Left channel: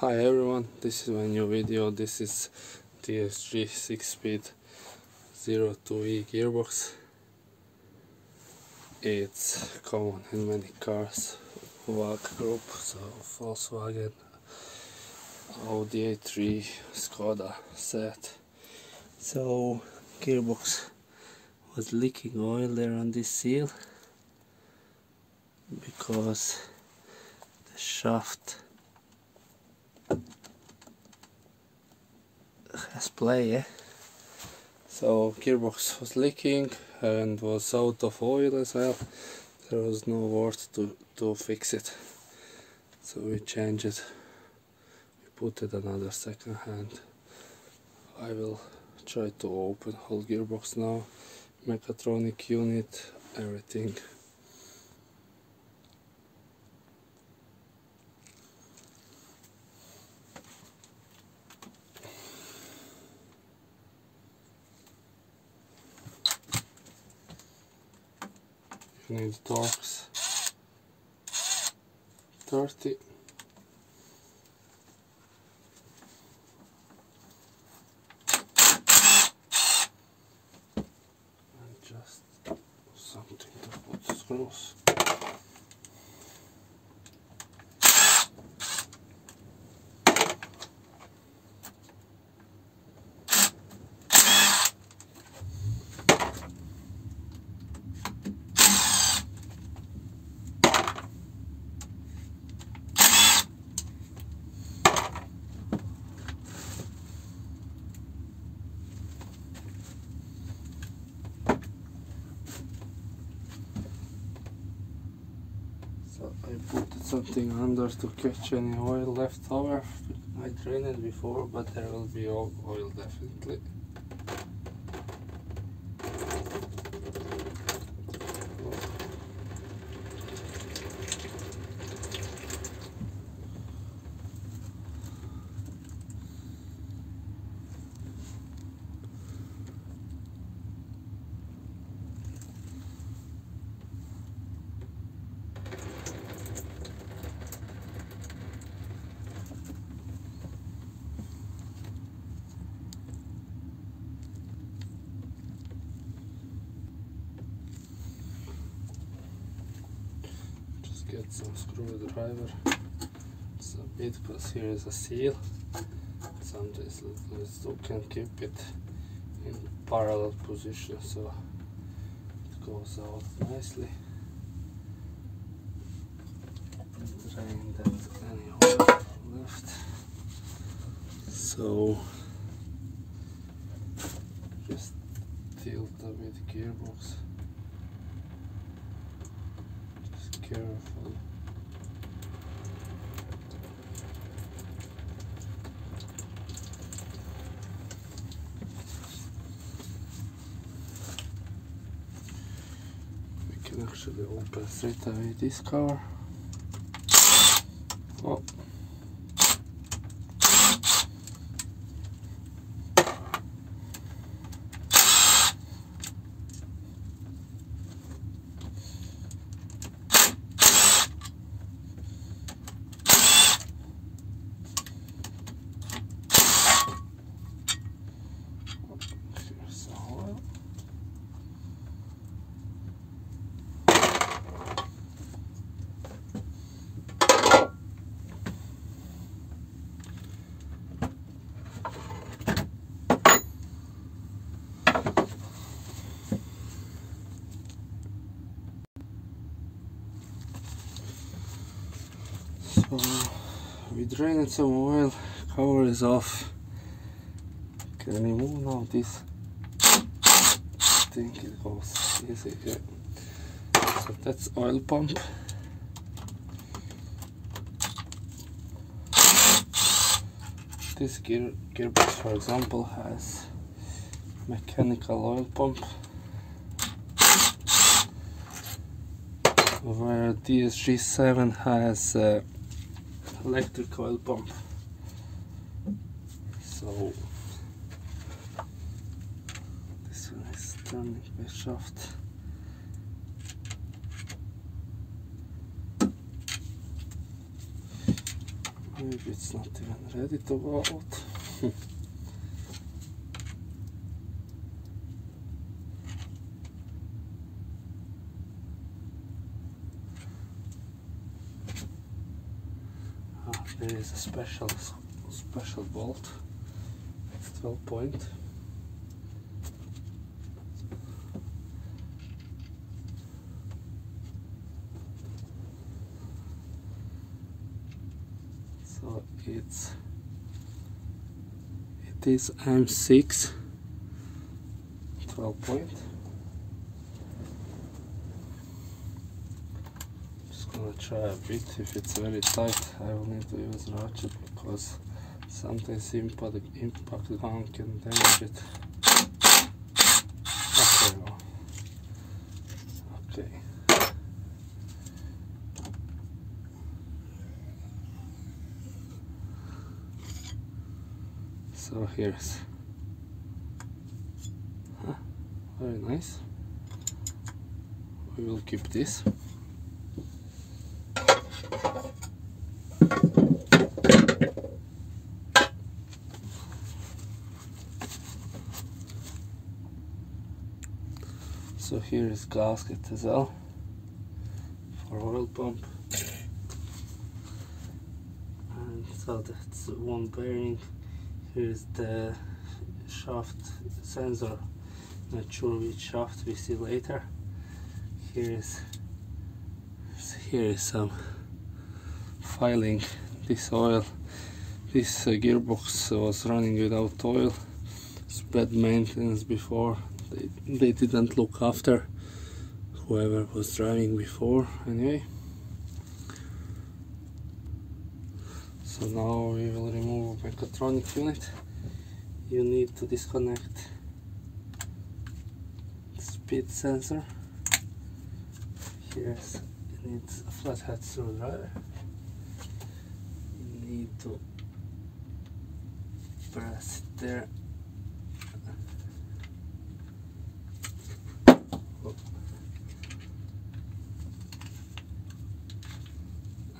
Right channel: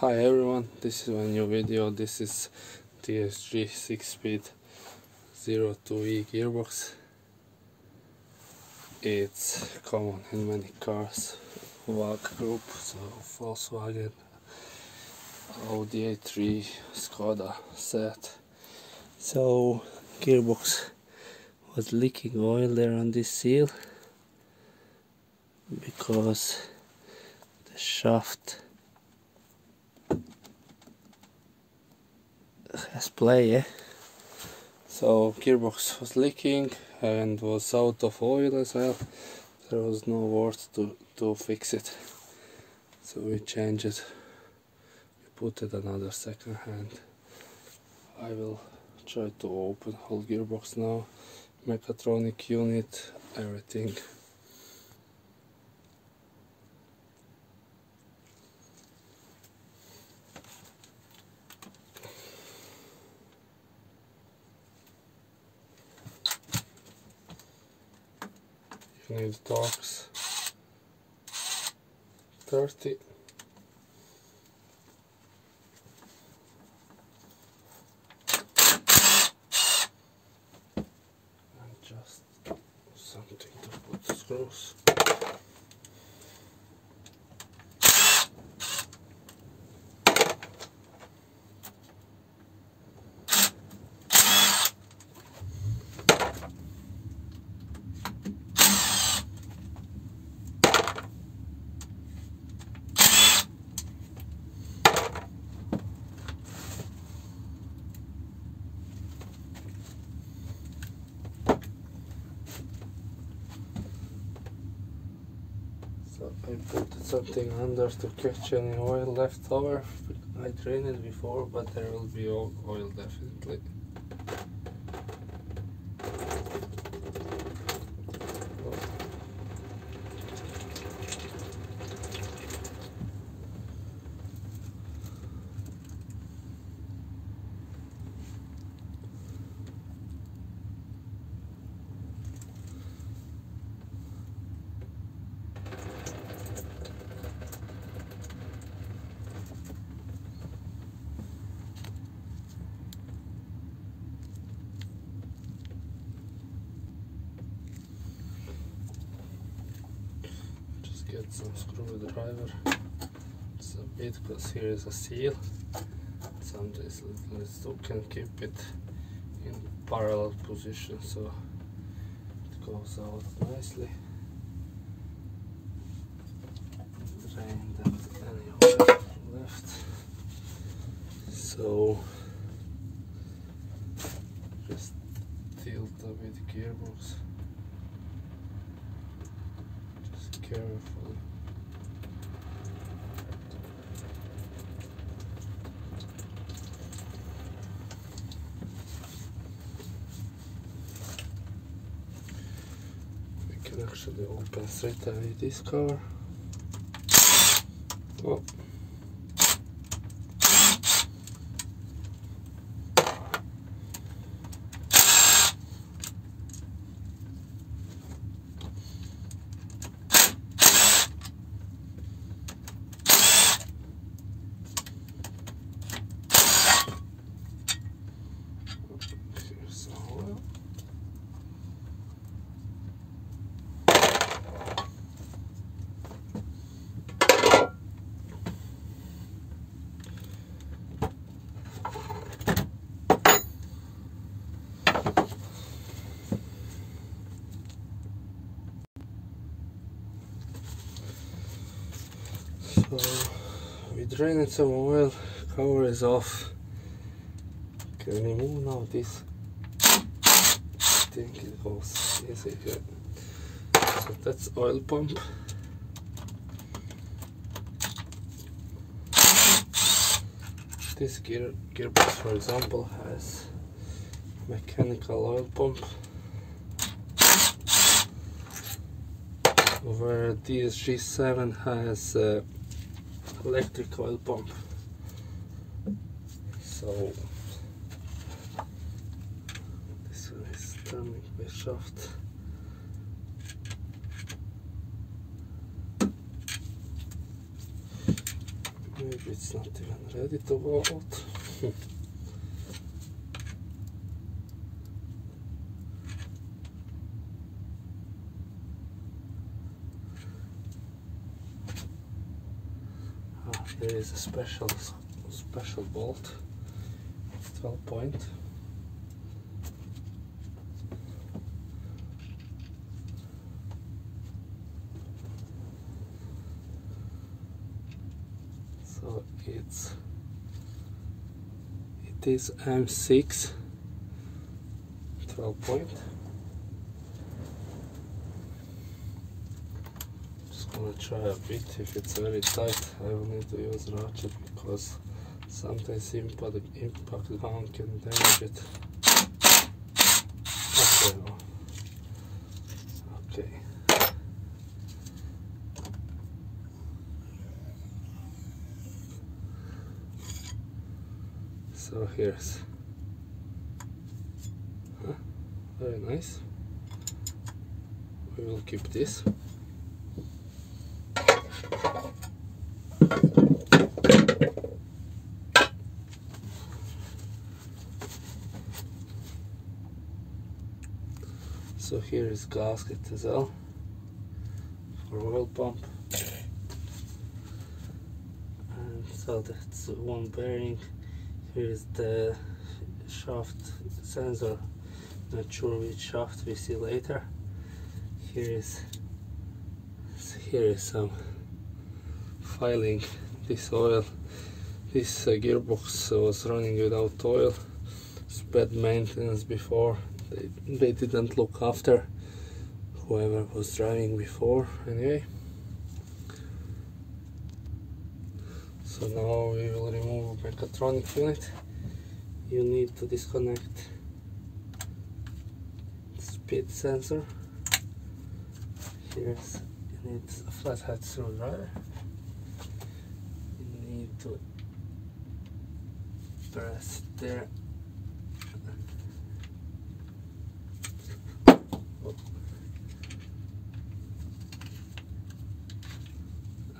Hi everyone, this is my new video. This is DSG 6-speed 02E gearbox. It's common in many cars, VAG group, so Volkswagen, Audi A3, Skoda Seat. So gearbox was leaking oil there on this seal because the shaft has play, so gearbox was leaking and was out of oil as well. There was no words to fix it, so we changed it. We put it another second hand. I will try to open whole gearbox now, mechatronic unit, everything. You need Torx 30. And just something to put the screws. So I put something under to catch any oil left over. I drained it before, but there will be oil definitely. Get some screwdriver. It's a bit because here is a seal. Some this little still can keep it in parallel position so it goes out nicely. Drain that any oil left. So just tilt a bit gearbox. Carefully. We can actually open straight away this car. Oh. So we drained some oil, cover is off. Can remove now this. I think it goes easy here. So that's oil pump. This gearbox, for example, has mechanical oil pump, where DSG 7 has electric oil pump. So this one is turning by shaft. Maybe it's not even ready to go out. There is a special bolt. It's 12 point. So it is M6 12 point. I'm gonna try a bit. If it's very tight, I will need to use ratchet because sometimes impact gun can damage it. Okay, no. Okay. So here's very nice. We will keep this. So here is gasket as well for oil pump, and so that's one bearing. Here is the shaft sensor, not sure which shaft, we see later. Here is some filing. This gearbox was running without oil. It's bad maintenance before. They didn't look after whoever was driving before. Anyway, so now we will remove mechatronic unit. You need to disconnect speed sensor. You need a flathead screwdriver. You need to press it there.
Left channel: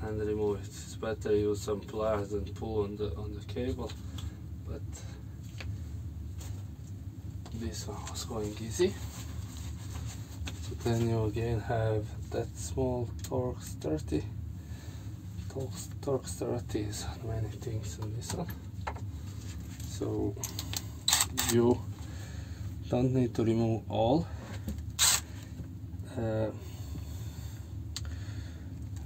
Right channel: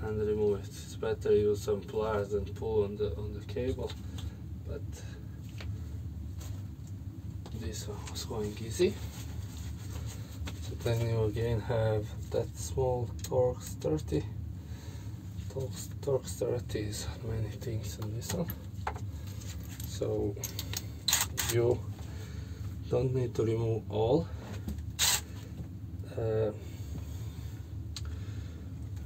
And remove it. It's better to use some pliers than pull on the cable, but this one was going easy. So then you again have that small Torx 30. Torx 30 is many things on this one. So you don't need to remove all.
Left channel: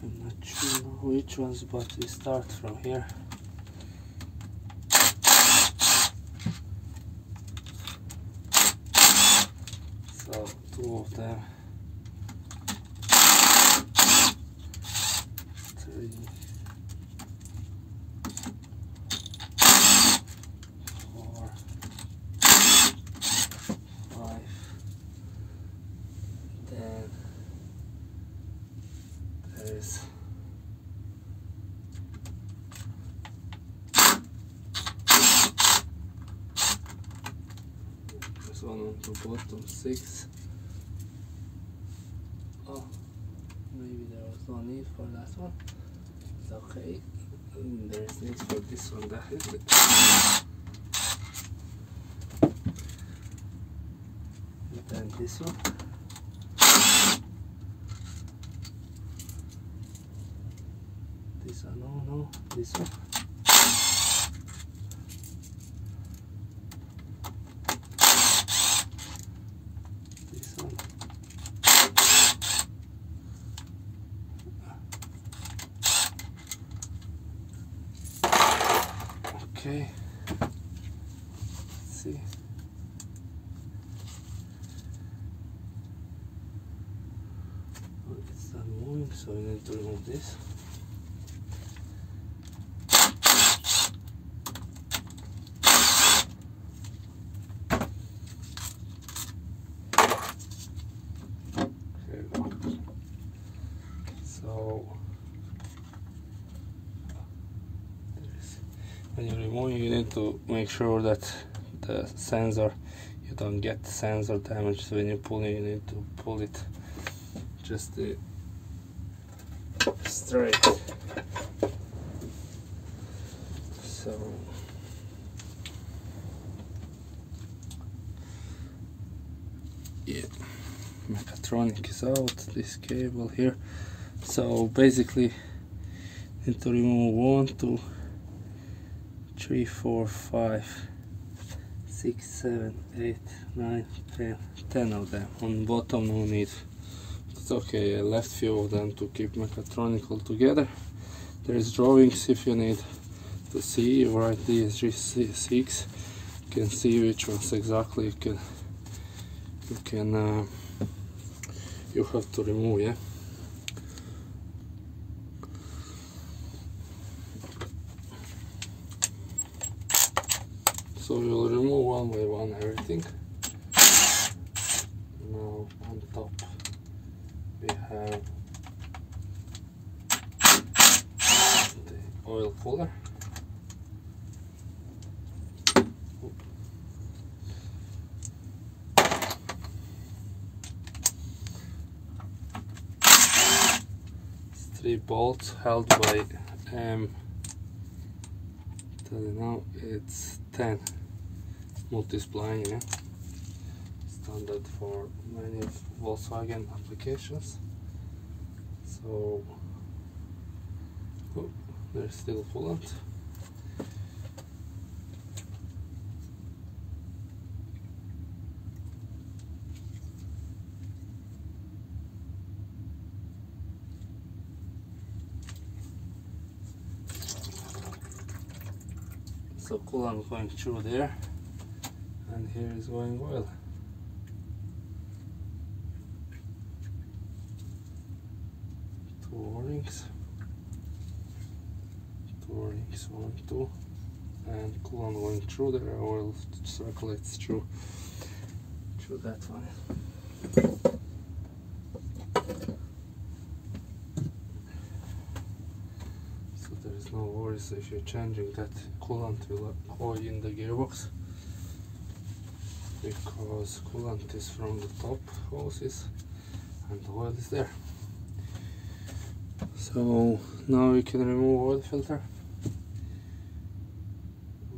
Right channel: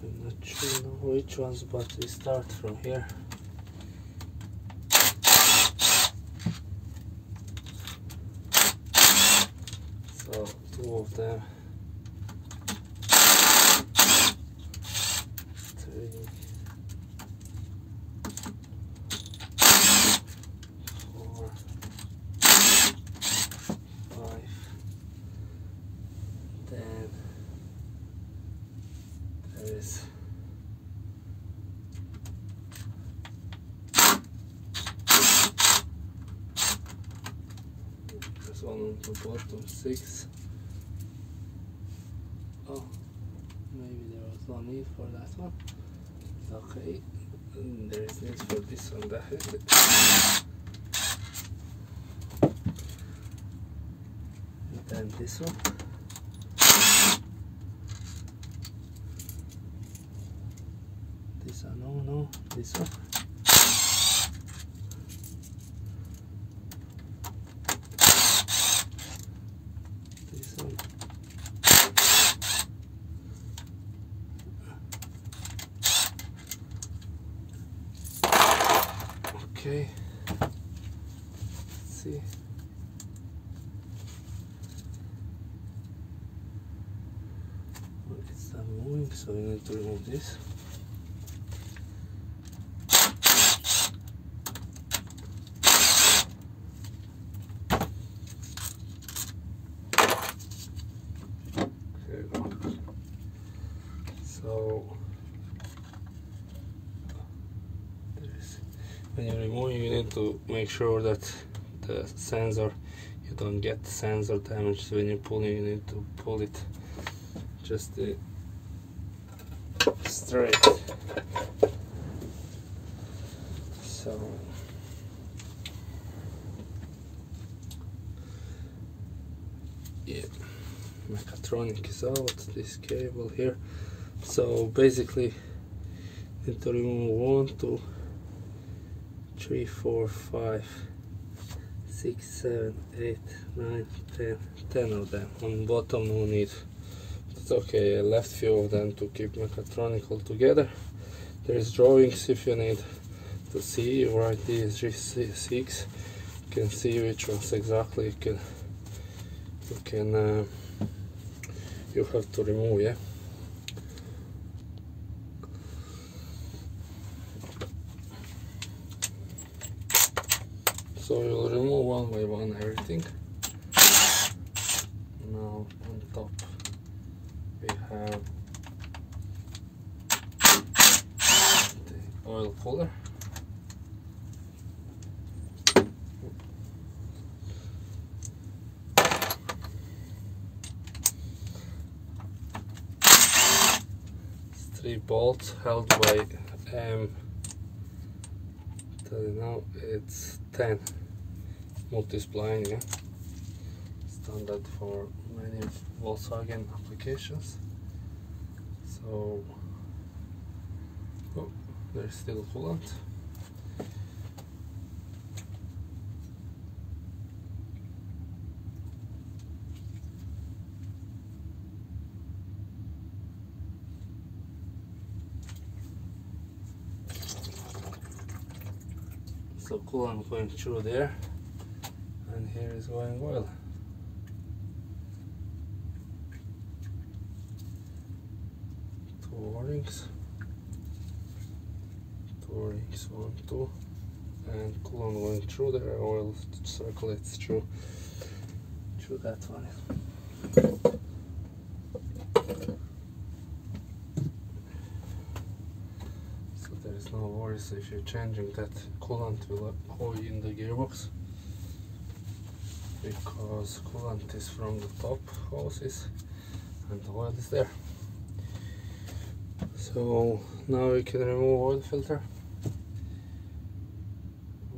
I'm not sure which ones, but we start from here. So 2 of them, 3, 4, 5. Then there is one on the bottom, 6. Oh, maybe there was no need for that one. It's okay. And there is need for this one, definitely. And then this one. This one, no, this one. Okay, let's see. Well, it's not moving, so we need to remove this. Okay. So when you remove, you need to make sure that the sensor, you don't get the sensor damage. So when you're pulling, you need to pull it just straight. So yeah, mechatronic is out, this cable here. So basically need to remove 1, 2, 3, 4, 5, 6, 7, 8, 9, 10 of them. On bottom no need. It's okay, I left few of them to keep mechatronic all together. There's drawings if you need to see. You write DSG 6, you can see which ones exactly you have to remove, yeah. So you'll remove one by one everything. Now on top we have the oil cooler. It's 3 bolts held by tell you now it's 10 multi-spline, yeah, standard for many Volkswagen applications. So oh, there's still coolant. So coolant going through there, and here is going oil. Two O-rings, 1, 2, and coolant going through there. Oil circulates through that one. There's no worries if you're changing that coolant will go in the gearbox, because coolant is from the top hoses and the oil is there. So now we can remove oil filter,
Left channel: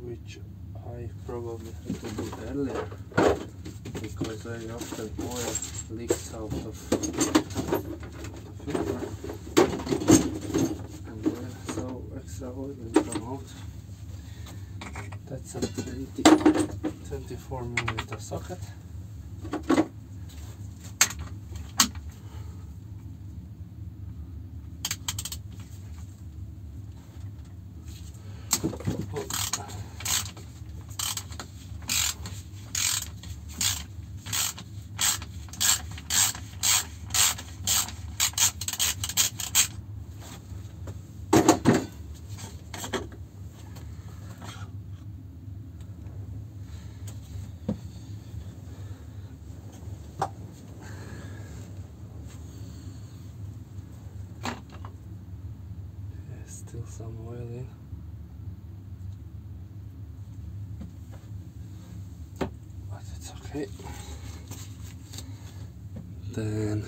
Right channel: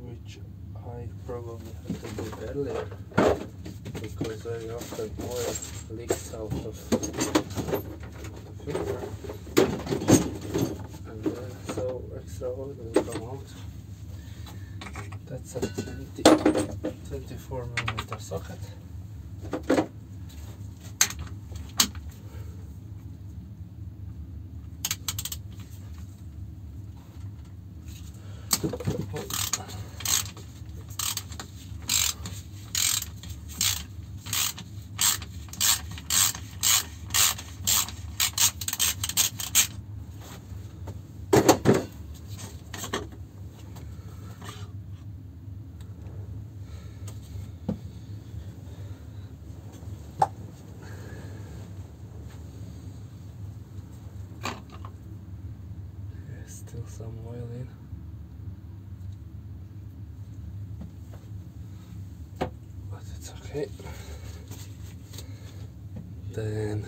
which I probably had to do earlier, because very often oil leaks out of the filter. Extra oil will come out. That's a 24mm socket. Still some oil in. But it's okay. Then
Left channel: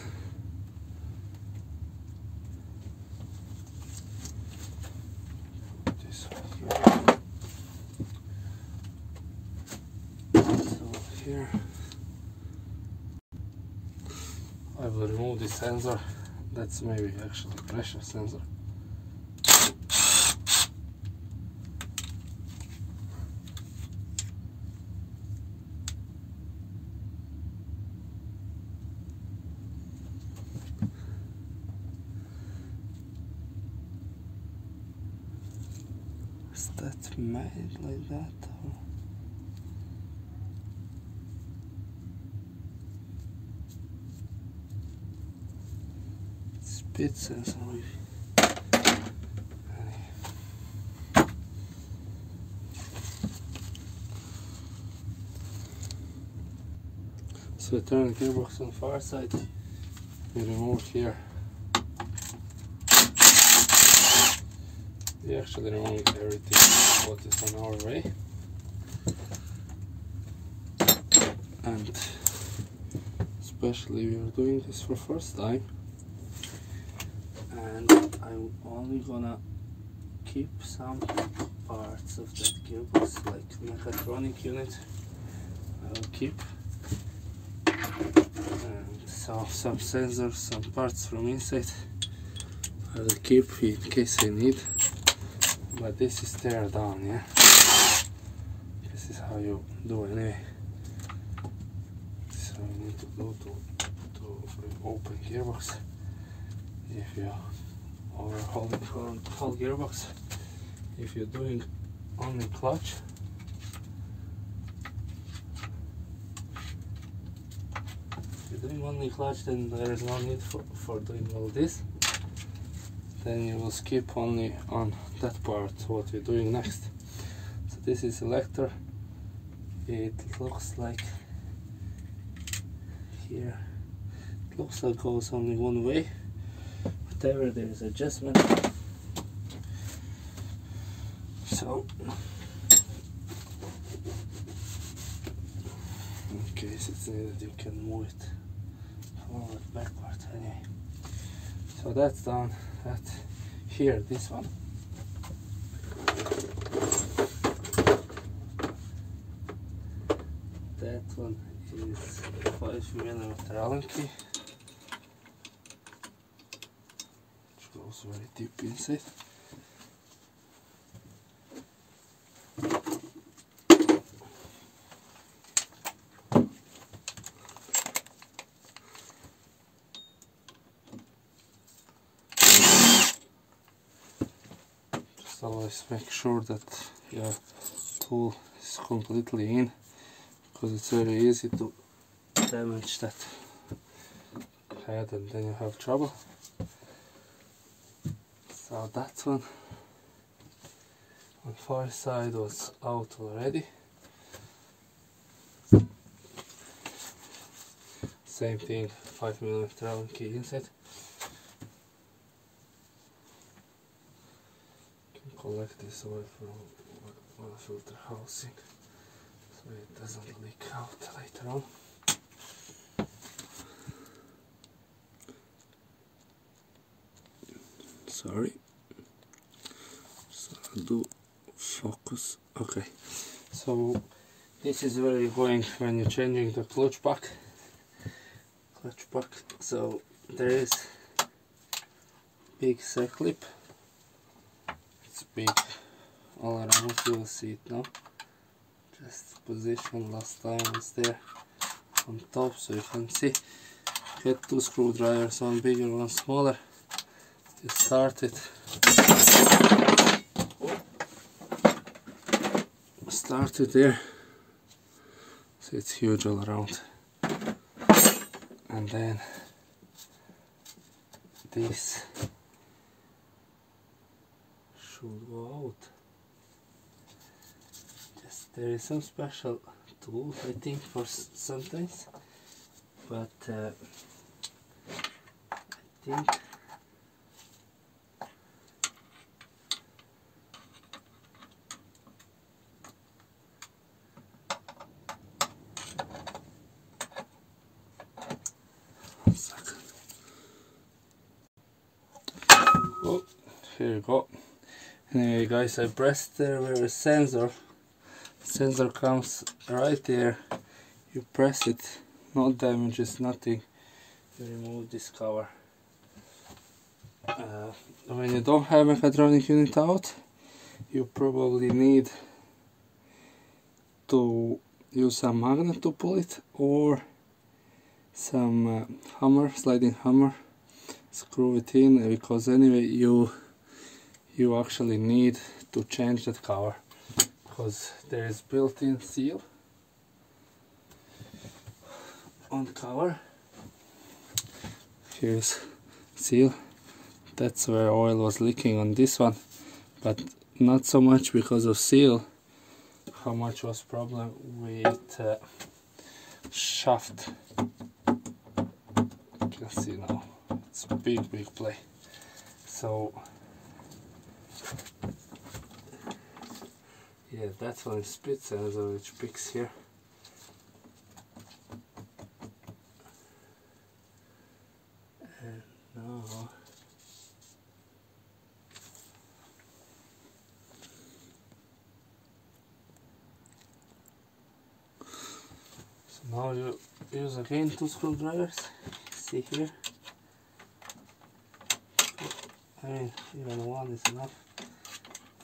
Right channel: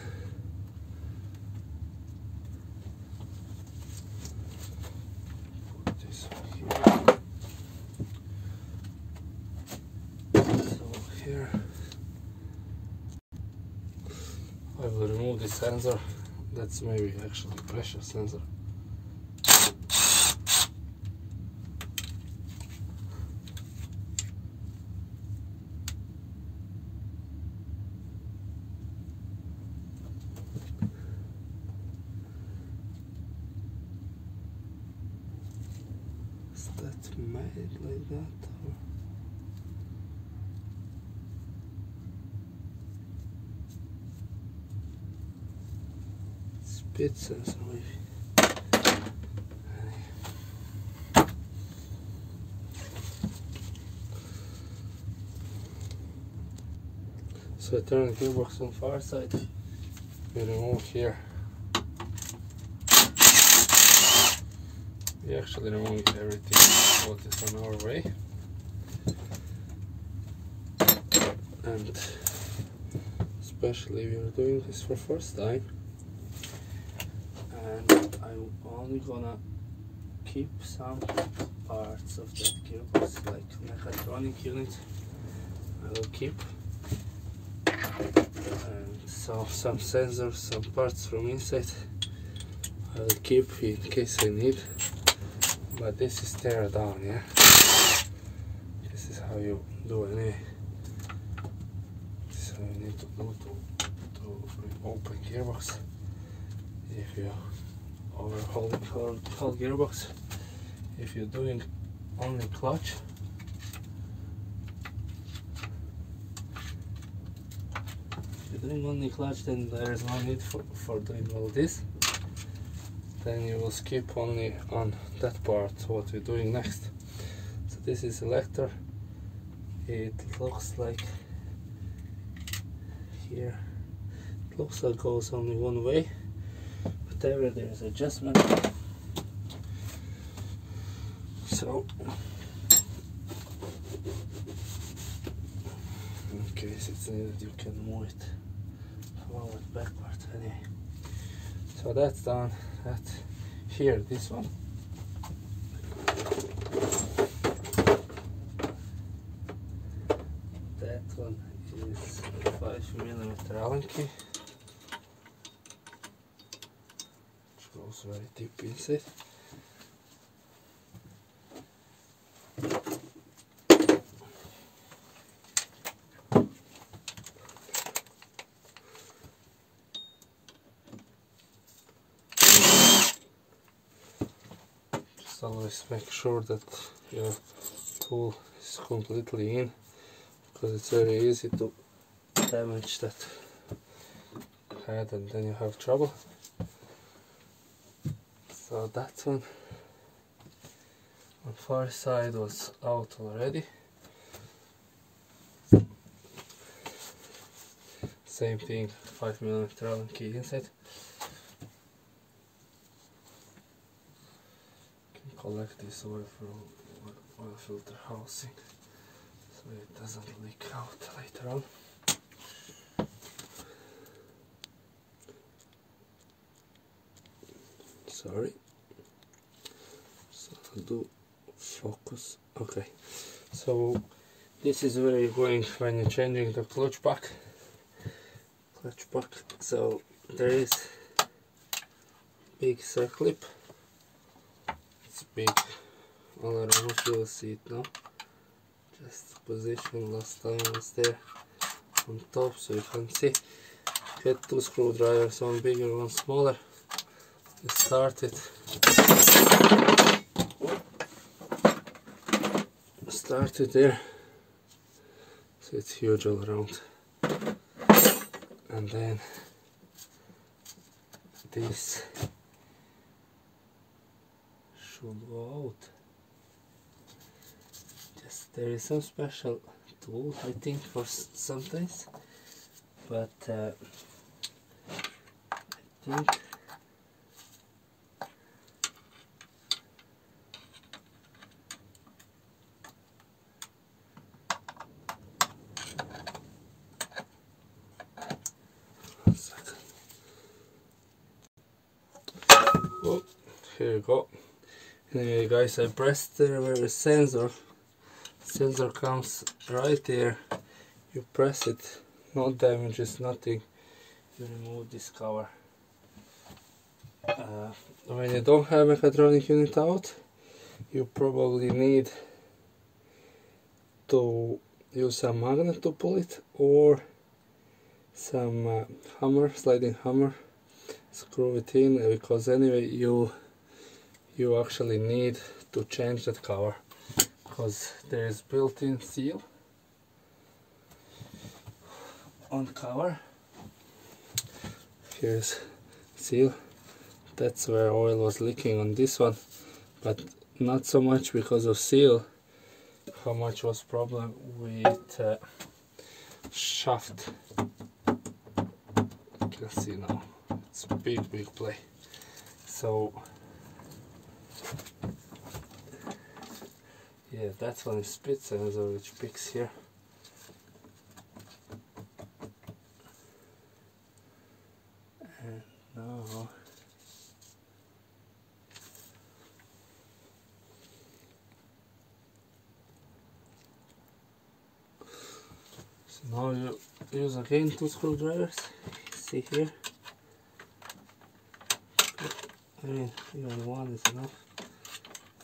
put this here. So here I will remove the sensor. That's maybe actually pressure sensor. That's made like that, or speed sensor maybe. So turn the gearbox on far side, we remove here. We actually removed everything what is on our way, and especially we are doing this for first time, and I'm only gonna keep some parts parts of that gearbox, like mechatronic unit, I'll keep, and so some sensors, some parts from inside I'll keep in case I need. But this is tear down, yeah. This is how you do anyway. So you need to go to open gearbox. If you overhauling whole gearbox, if you're doing only clutch, then there is no need for doing all this. Then you will skip only on that part, what we're doing next. So this is selector. It looks like here, it looks like goes only one way. Whatever, there is adjustment. So in case it's needed, you can move it forward, backward, anyway. So that's done. That here, this one. That one is 5mm Allen key, which goes very deep inside. Always make sure that your tool is completely in, because it's very easy to damage that head and then you have trouble. So that one on far side was out already. Same thing, 5mm Allen key inside. Collect this oil from oil filter housing so it doesn't leak out later on. Sorry. So I'll do focus. Okay. So this is where you're going when you're changing the clutch pack. So there is big C-clip. It's big all around, you will see it now. Just position last time was there on top so you can see. Get two screwdrivers, one bigger, one smaller. You start it. Start it there. So it's huge all around. And then this should go out. Just there is some special tool, I think, for sometimes, but I think oh, here you go. Anyway guys, I pressed there where the sensor comes right there. You press it, no damages, nothing. You remove this cover. When you don't have mechatronic unit out, you probably need to use a magnet to pull it, or some hammer, sliding hammer, screw it in, because anyway you actually need to change that cover, because there is built-in seal on cover. Here's seal. That's where oil was leaking on this one, but not so much because of seal. How much was problem with shaft? You can see now it's a big play. So yeah, that's one is speed sensor which picks here. And now Now you use again 2 screwdrivers, see here. I mean, even one is enough.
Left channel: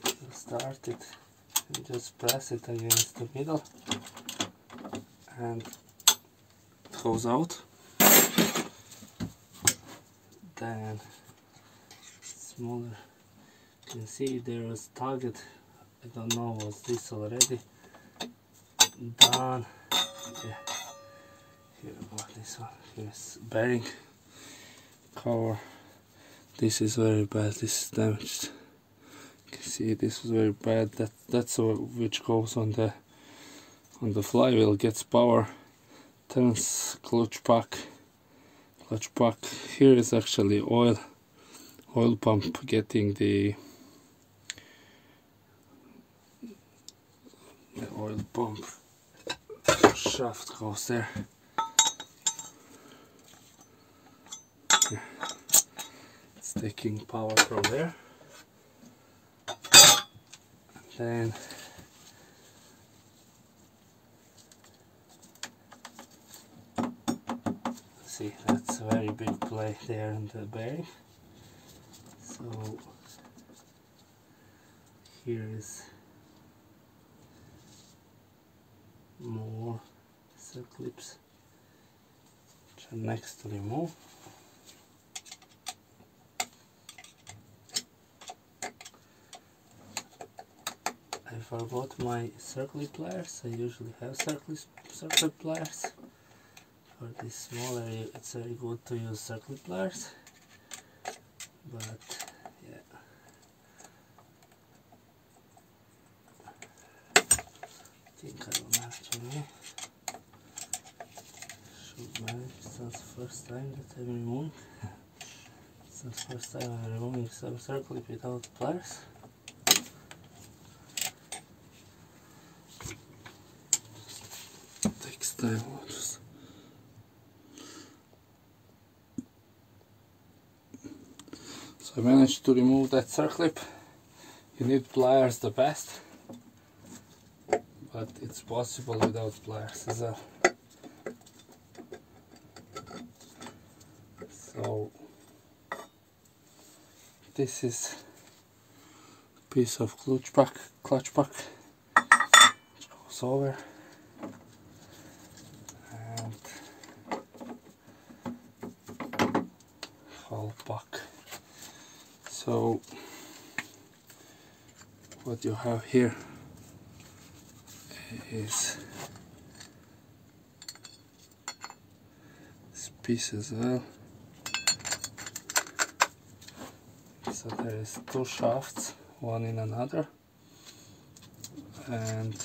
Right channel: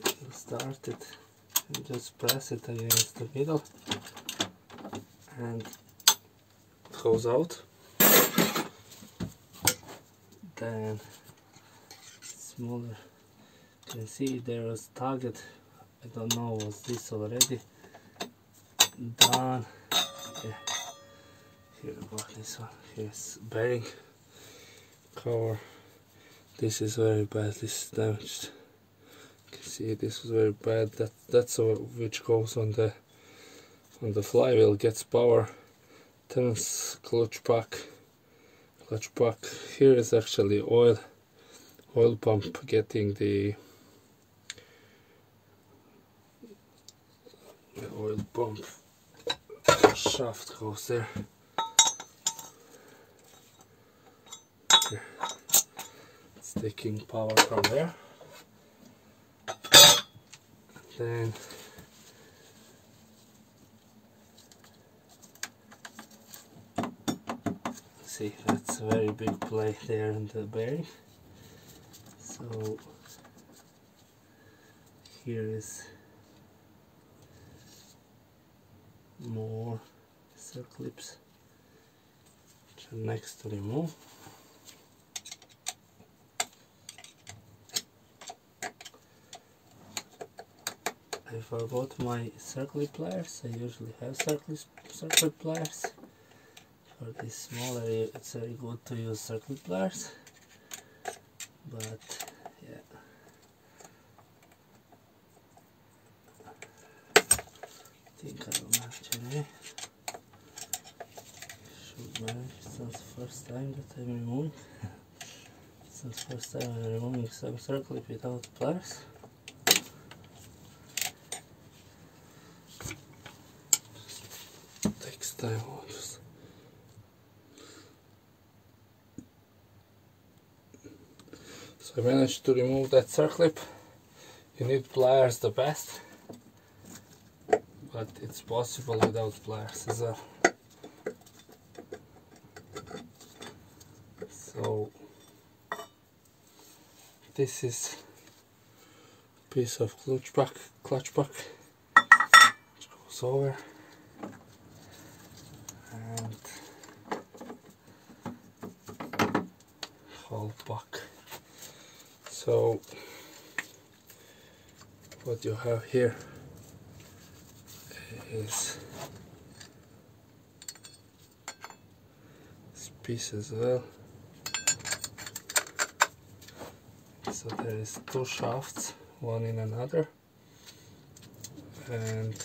You start it and just press it against the middle and it goes out. Then smaller, you can see there was target, I don't know, was this already done? Yeah. Here about this one, here's bearing cover. This is very bad, this is damaged. You can see this was very bad. That's which goes on the flywheel, gets power, turns clutch pack. Here is actually oil pump getting the oil pump shaft goes there. It's taking power from there. Then see, that's a very big plate there in the bearing. So here is more circlips which are next to remove. I forgot my circlip pliers. I usually have circlip pliers. For this small area it's very good to use circlip pliers, but yeah, I think I will manage anyway. Should manage. It's not the first time that I'm removing. It's not the first time I'm removing some circlip without pliers. Takes time. So I managed to remove that circlip. You need pliers the best, but it's possible without pliers as well. So this is a piece of clutch pack which goes over, and whole pack. So what you have here is this piece as well. So there is 2 shafts, one in another, and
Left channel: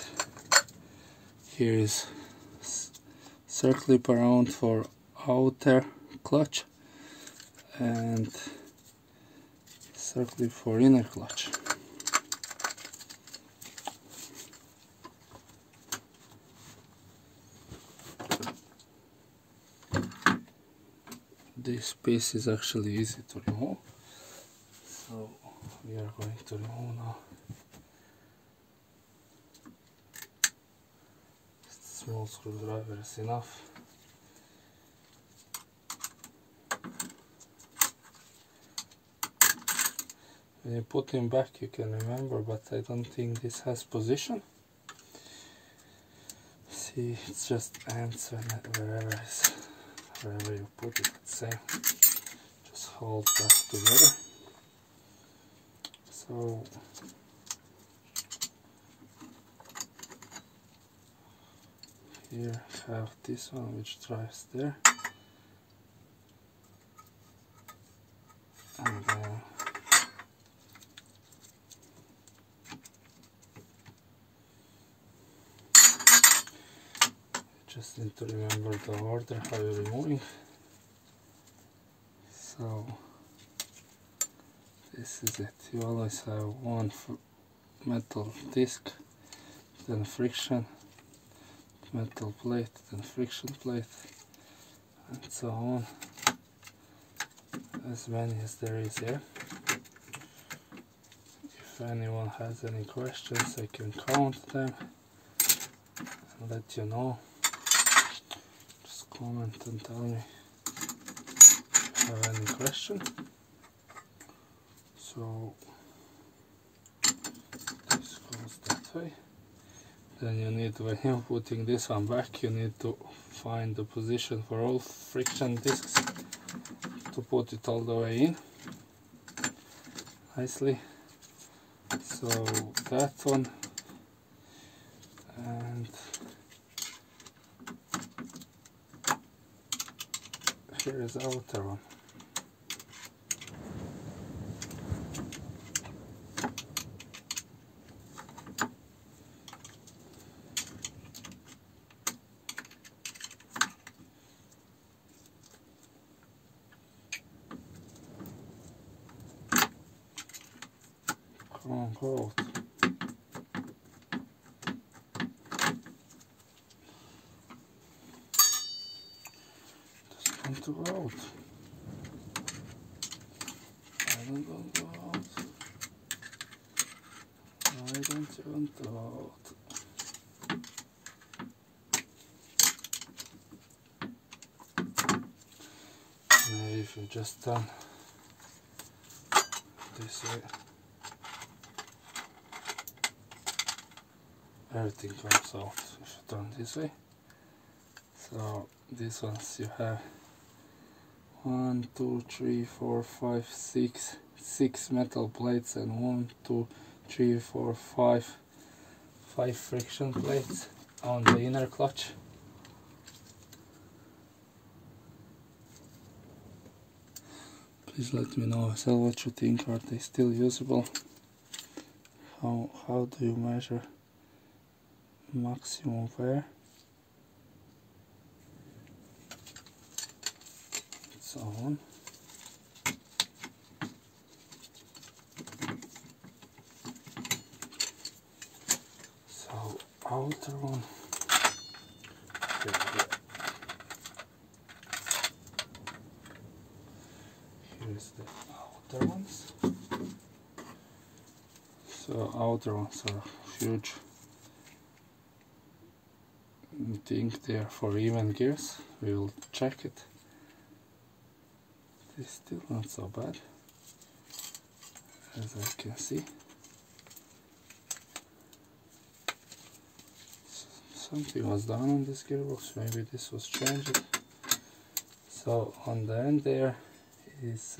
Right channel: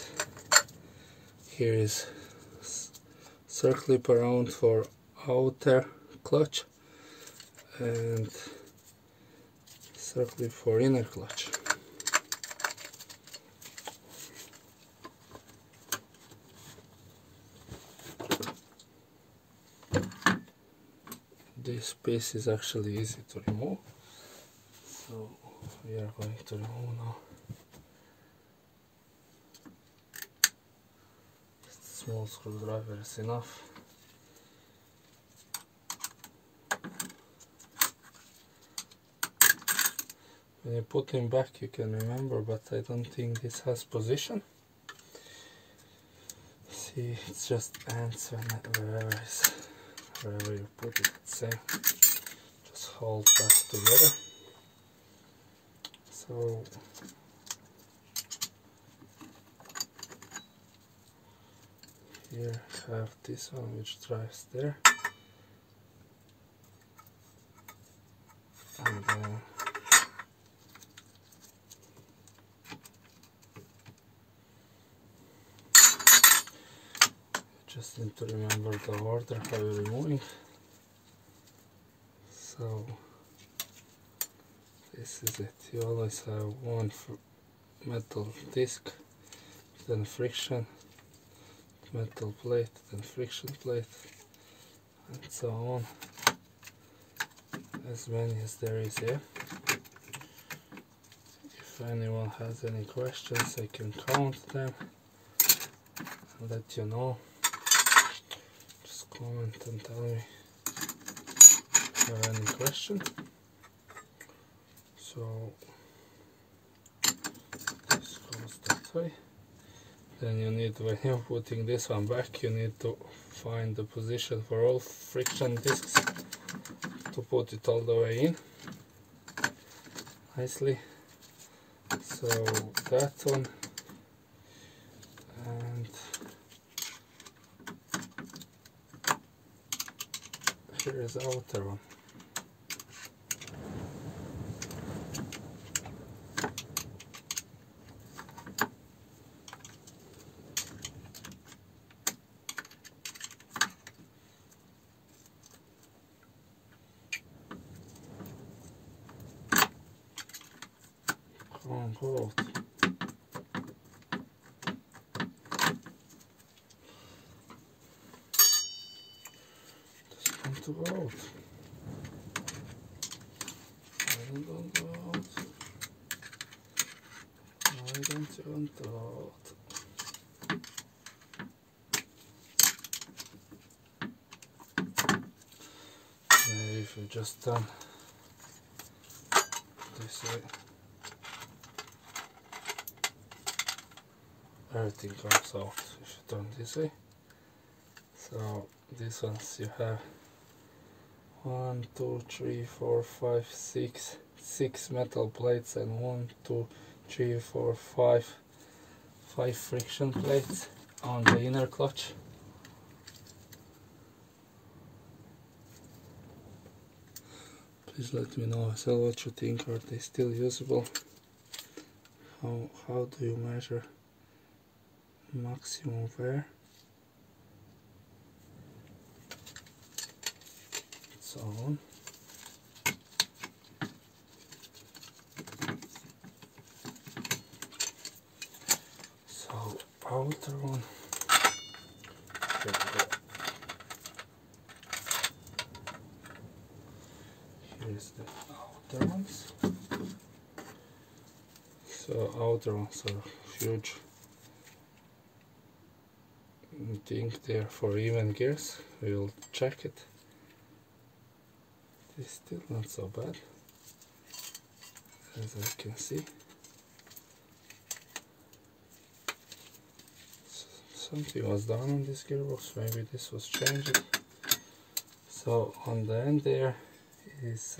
here is circlip around for outer clutch and circlip for inner clutch. This piece is actually easy to remove, so we are going to remove now. Just a small screwdriver is enough. When you put him back you can remember, but I don't think this has position. See, it's just ants wherever you put it, it's same. Just hold that together. So here I have this one which drives there, and just need to remember the order how you're removing. So this is it. You always have one metal disc, then friction, metal plate, then friction plate, and so on. As many as there is here. If anyone has any questions I can count them and let you know. comment and tell me if you have any question. So this goes that way. Then you need, when you're putting this one back, you need to find the position for all friction discs to put it all the way in nicely. So that one, and here is the outer one. Come on, go out. Just want to go out. Why don't you go out? Why don't you want to go out? Now if you just done this way, everything comes out if you turn this way. So these ones you have 1, 2, 3, 4, 5, 6 metal plates, and 1, 2, 3, 4, 5 friction plates on the inner clutch. Please let me know as well what you think. Are they still usable? How do you measure maximum wear? So on. So outer one. Here's the outer ones. So outer ones are huge. I think they are for even gears. We'll check it. It's still not so bad, as I can see. Something was done on this gearbox, maybe this was changed. So on the end there is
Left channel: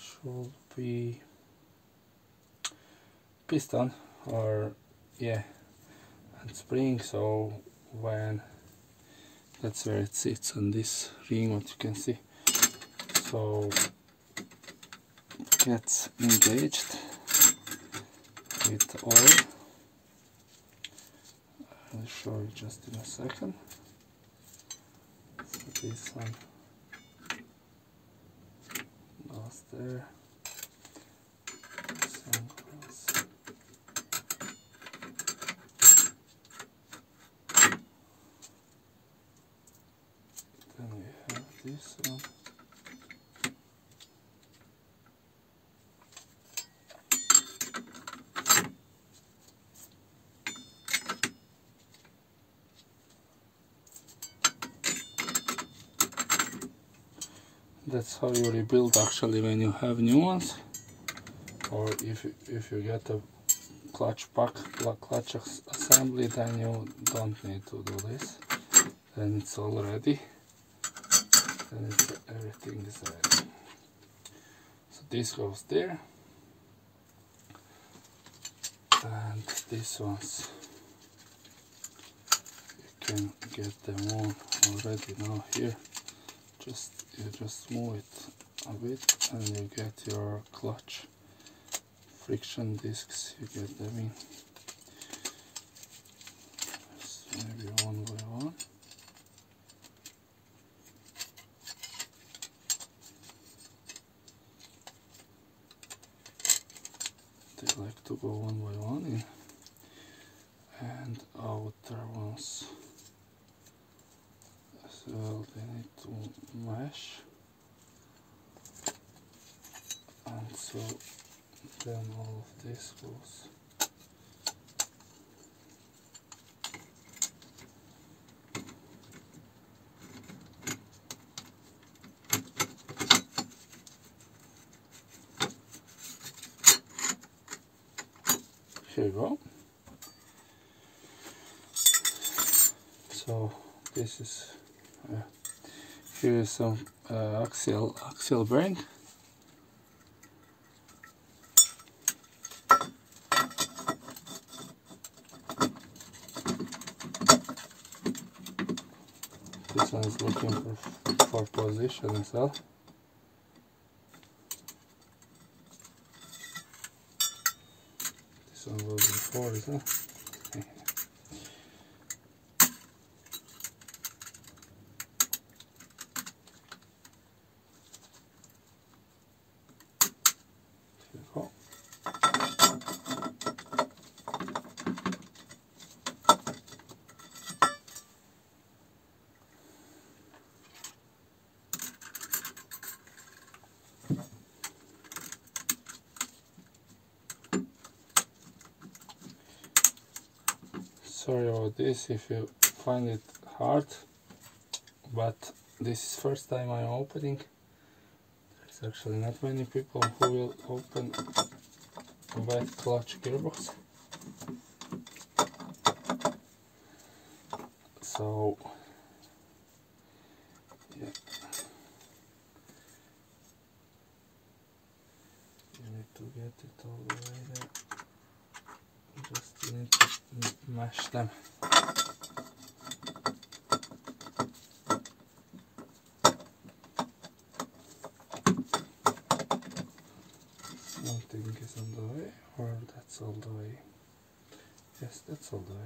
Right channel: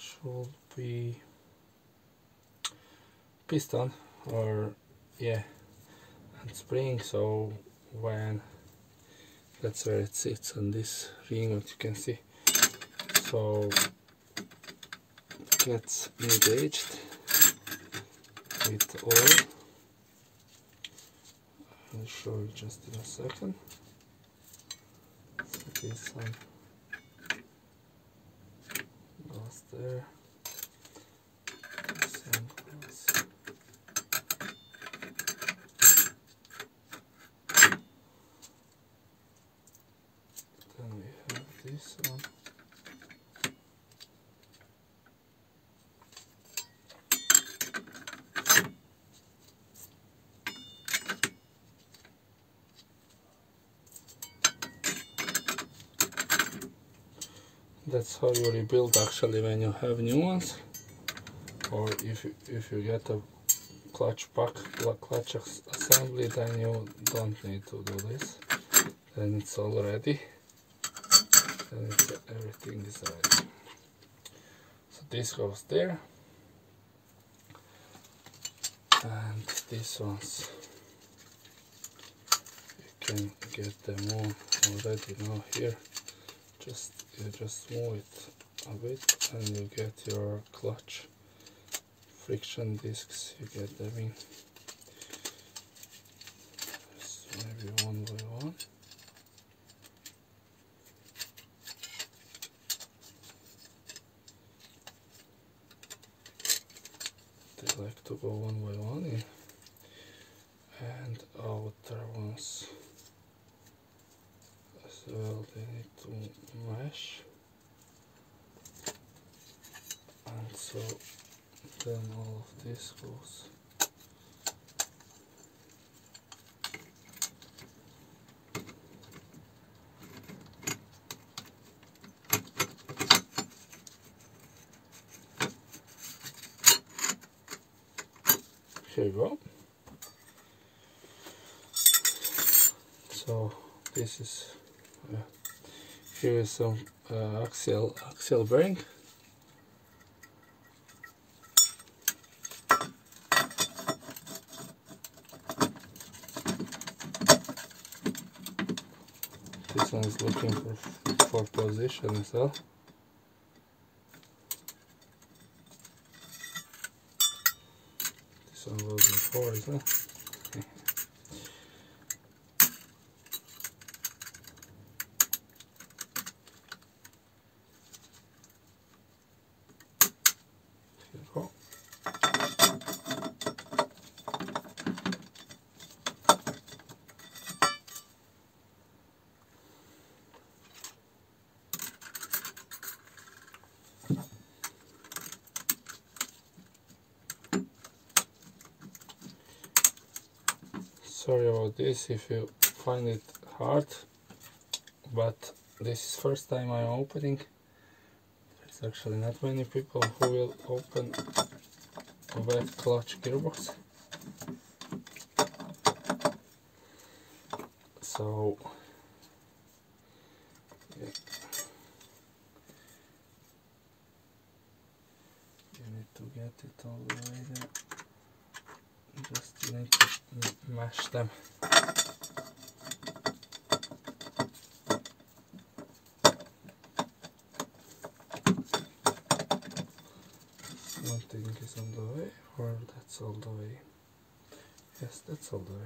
should be piston, or yeah, and spring. So when that's where it sits on this ring, what you can see. So it gets engaged with oil. I'll show you just in a second. So this one goes there. This one goes. Then we have this one. That's how you rebuild actually when you have new ones, or if you get a clutch assembly, then you don't need to do this. Then it's all ready. Then everything is ready. So this goes there, and these ones you can get them on already now here. You just move it a bit and you get your clutch friction discs, you get them in. Just maybe one by one. They like to go one by one in. And outer ones as well, they need to mesh, and so then all of this goes. here you go. So this is here is some axial bearing. This one is looking for position as well. This one was before, isn't it? Here we go. Sorry about this if you find it hard, but this is first time I'm opening. There's actually not many people who will open a bad clutch gearbox. So yeah, you need to get it all the way there. Just need to mash them. Something is on the way, or that's all the way. Yes, that's all the way.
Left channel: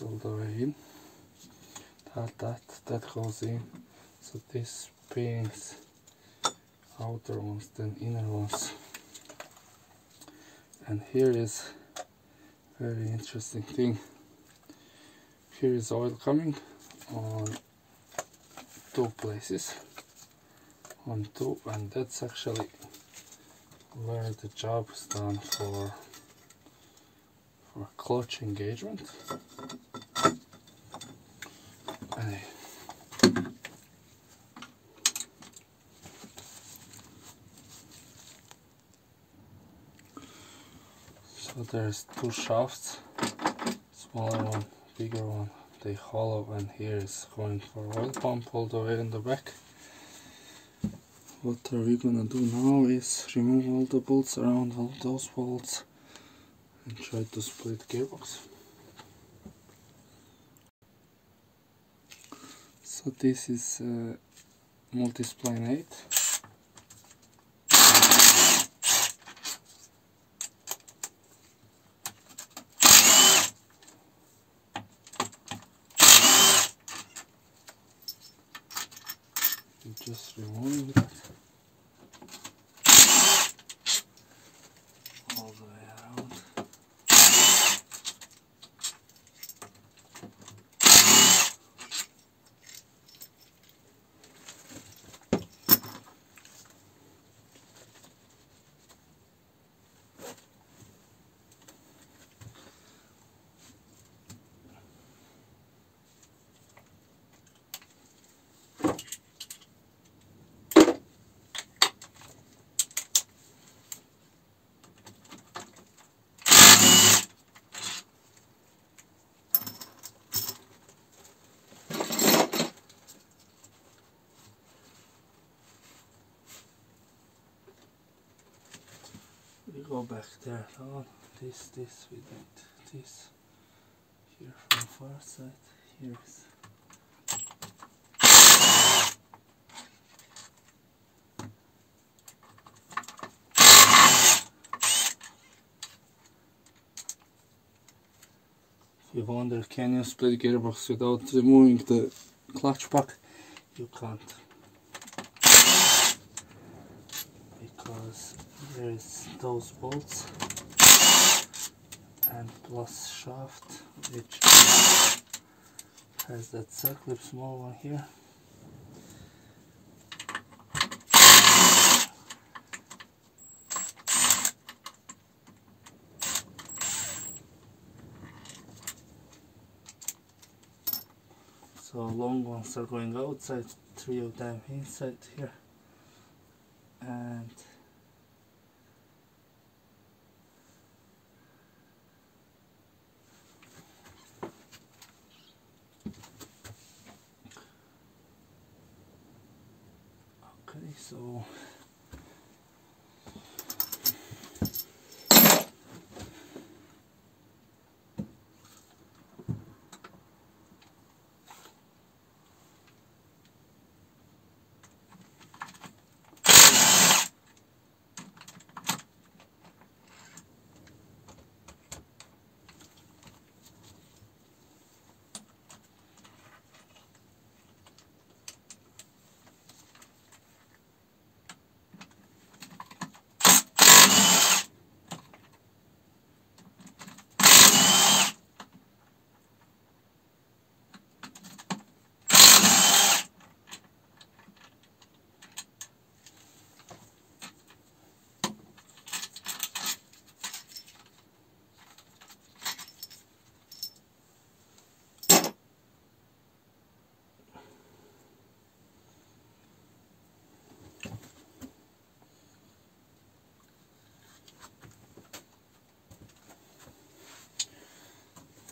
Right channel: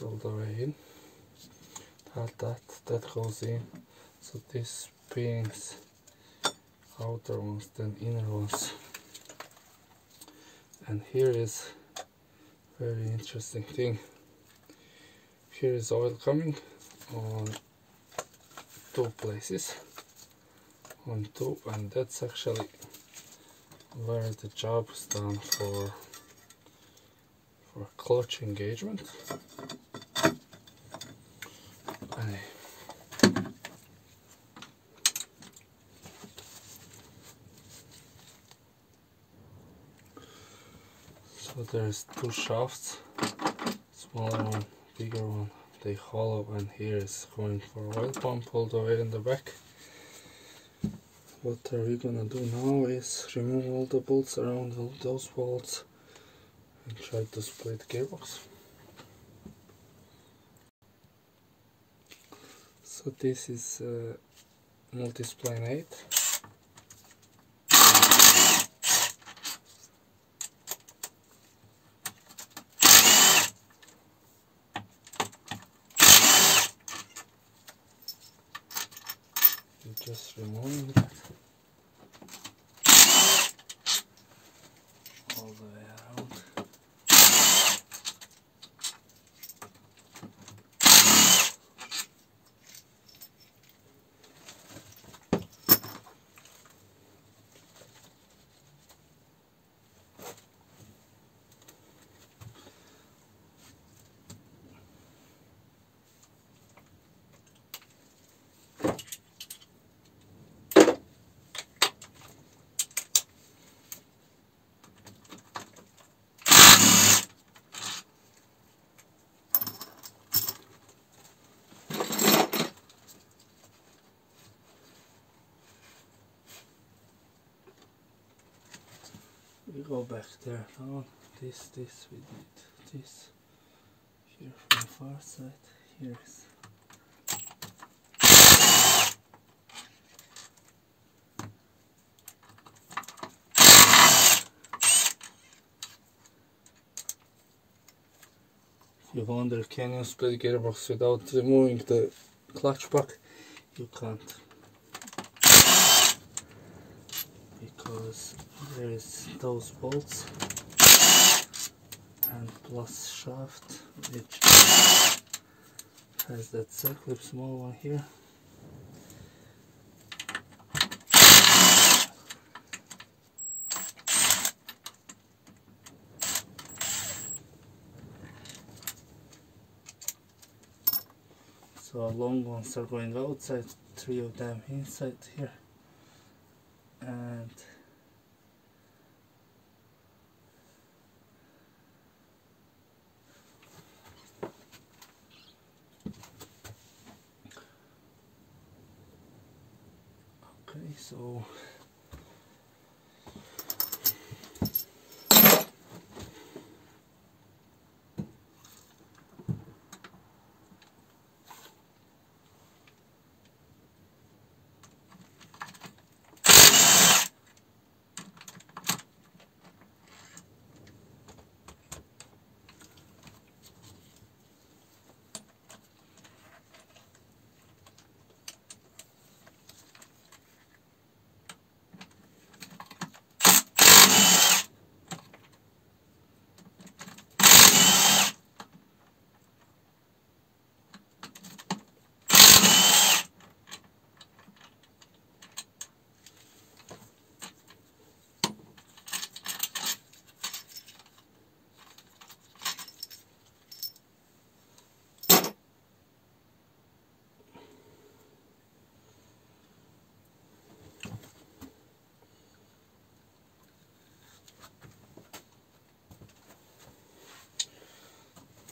All the way in. That goes in. So this pins outer ones, then inner ones. And here is very interesting thing. Here is oil coming on two places. On two, and that's actually where the job is done for clutch engagement. So there's two shafts, smaller one, bigger one, they hollow, and here is going for oil pump all the way in the back. What are we gonna do now is remove all the bolts around all those bolts and try to split gearbox. So this is multi-spline 8. You just remove it all the way around. We go back there. Oh, this we did this here from the far side. Here's if you wonder, can you split gearbox without removing the clutch pack? You can't, because there is those bolts and plus shaft, which has that circlip small one here. So long ones are going outside, 3 of them inside here, and okay, so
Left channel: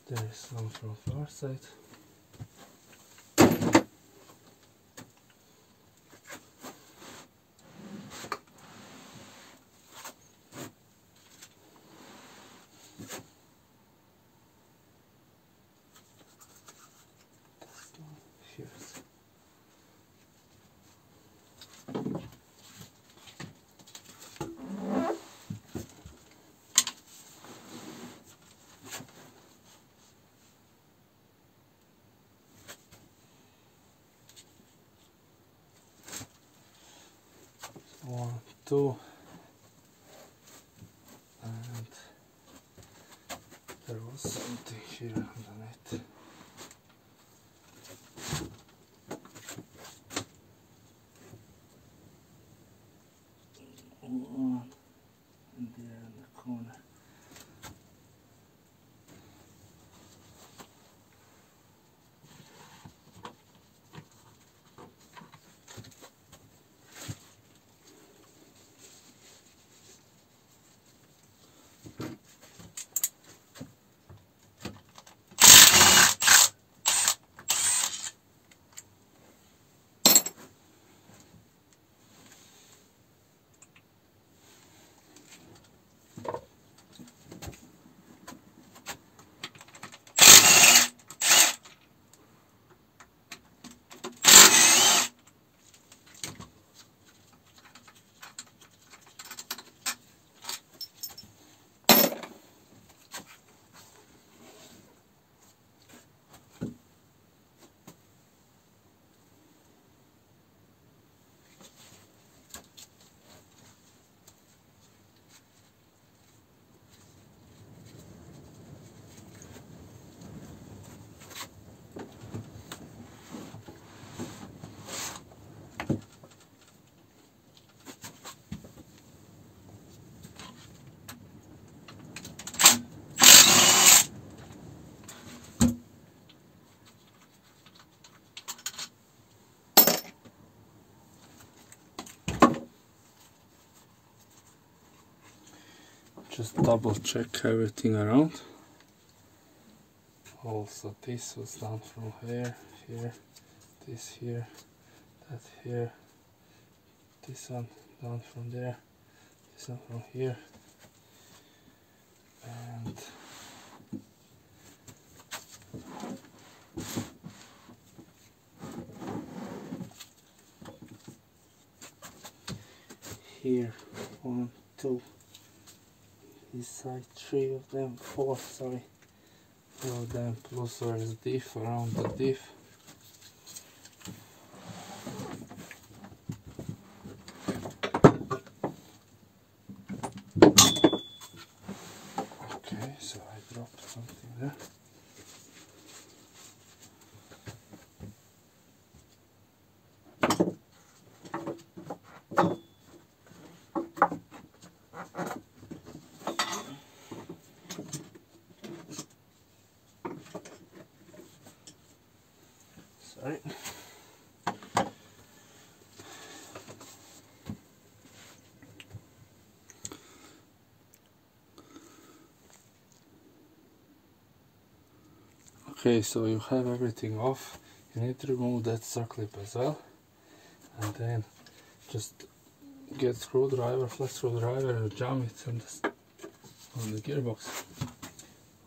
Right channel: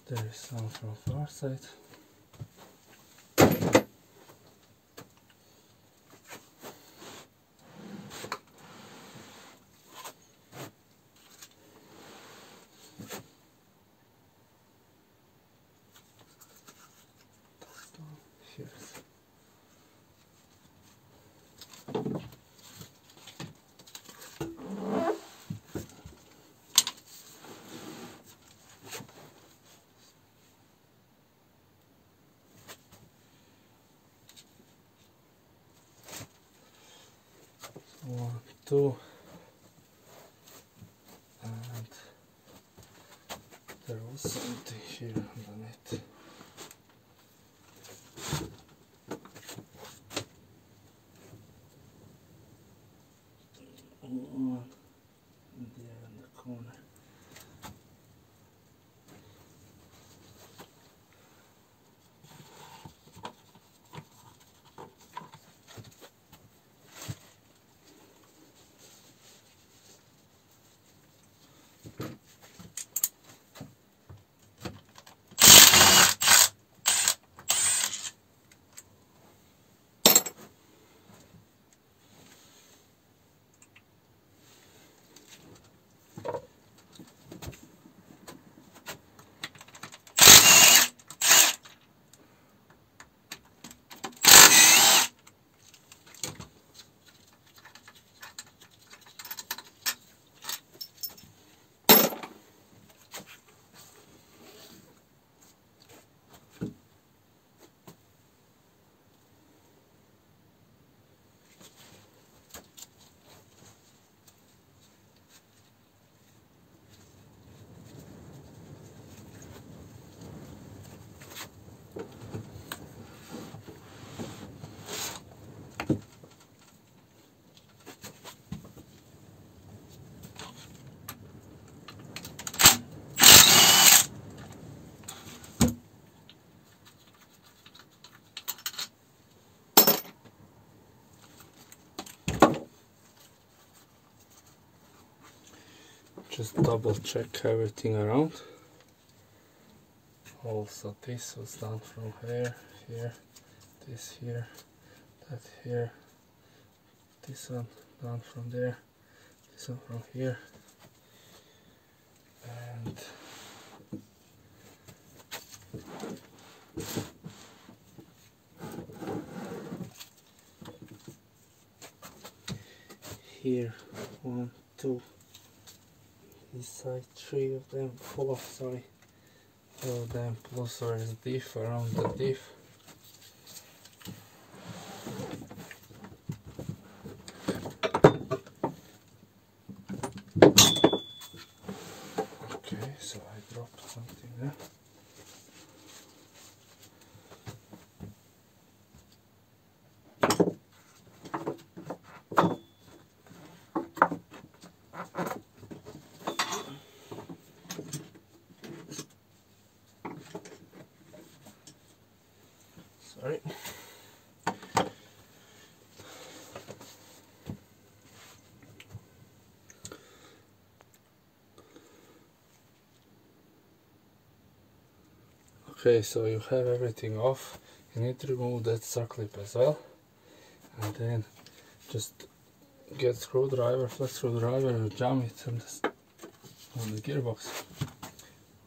there is some from far side. One, two, and there was something here underneath. One there in the corner. Just double check everything around. Also this was done from here, this here, that here, this one done from there, this one from here, and here, 1, 2, this side, 3 of them, 4, sorry, 4 of them, plus there is diff around the diff. Okay, so I dropped something there. Okay, so you have everything off. You need to remove that circlip as well, and then just get screwdriver, flat screwdriver, and jam it on the gearbox, on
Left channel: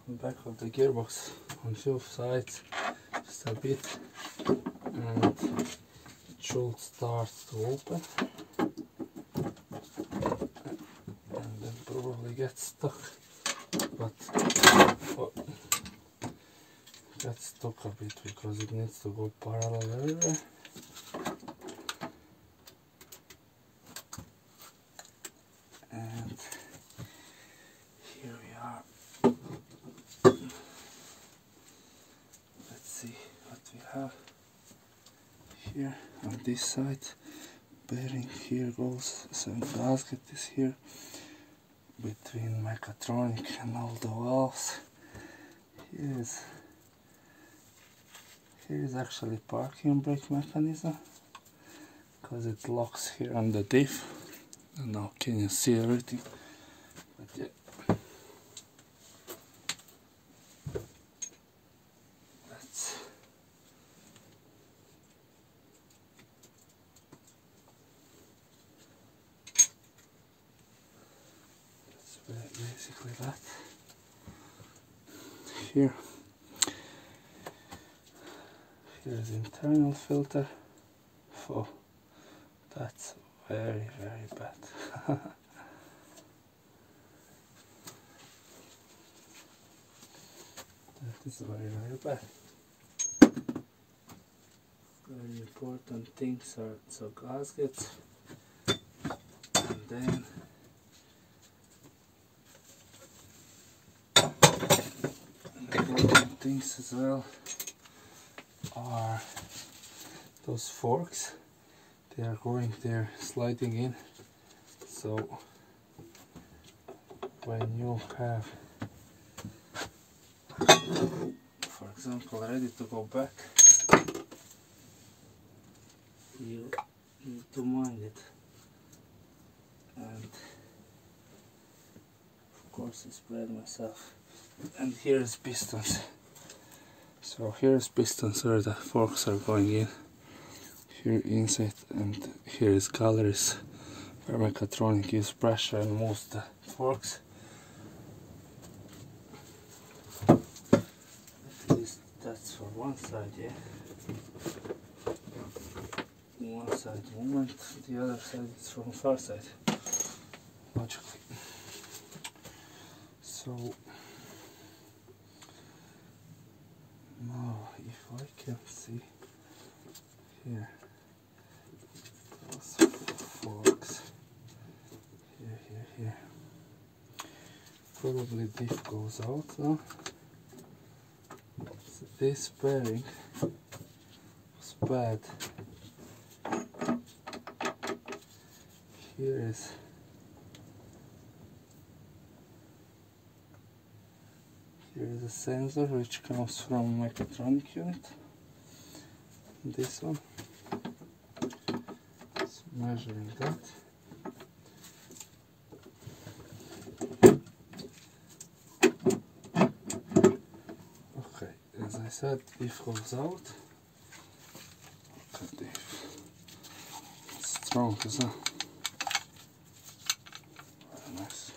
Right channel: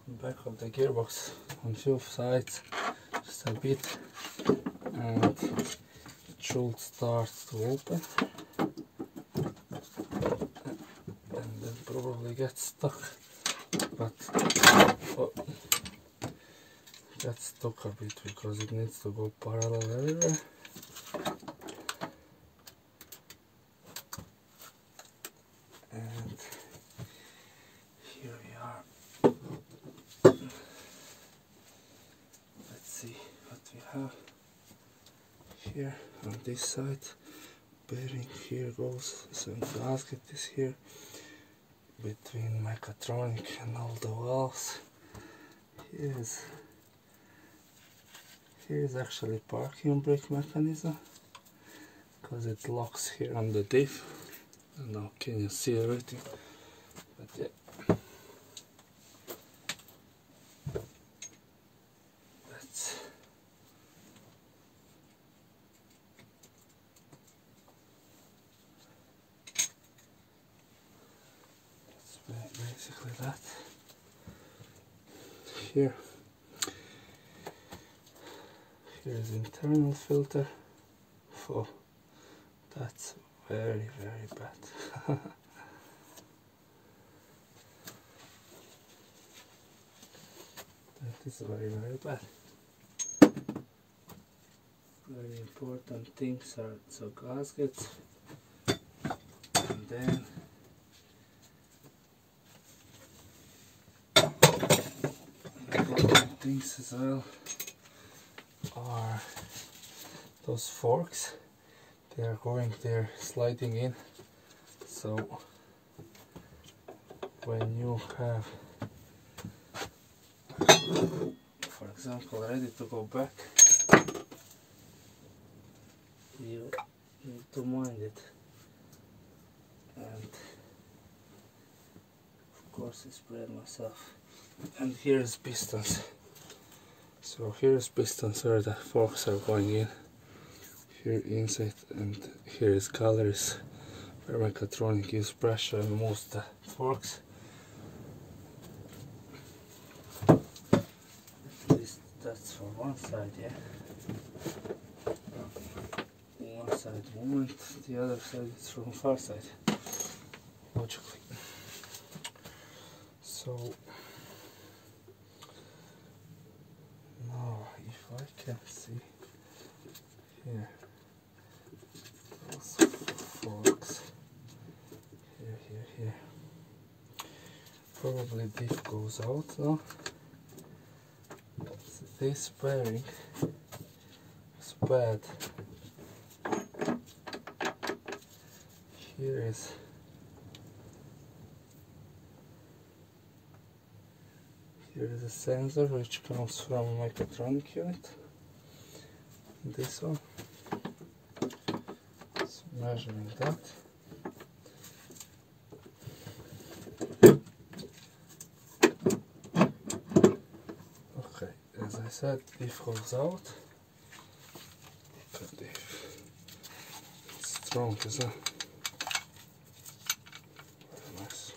the back of the gearbox, on few sides, just a bit, and it should start to open, and then probably get stuck, but gets stuck a bit because it needs to go parallel everywhere. And here we are. Let's see what we have here on this side. Bearing here goes, some gasket is here between mechatronic and all the valves. Here is actually parking brake mechanism, because it locks here on the diff. I don't know, can you see everything? But yeah, that's basically that. Here's internal filter. Oh, that's very bad. That is very bad. Very important things are the gaskets, and then important things as well are those forks. They're sliding in, so when you have, for example, ready to go back, you need to mind it. And of course I sprayed myself. And here's pistons. So here's pistons where the forks are going in. Here inside, and here is galleries where mechatronic uses pressure and moves the forks. At least that's for one side, yeah. One side movement, the other side is from far side, logically. So now if I can see here, those forks, here. Probably diff goes out now. So this bearing is bad. Here is a sensor which comes from mechatronic unit. This one. So measuring that. Okay, as I said, diff goes out. Look at diff. It's strong, isn't it? Very nice.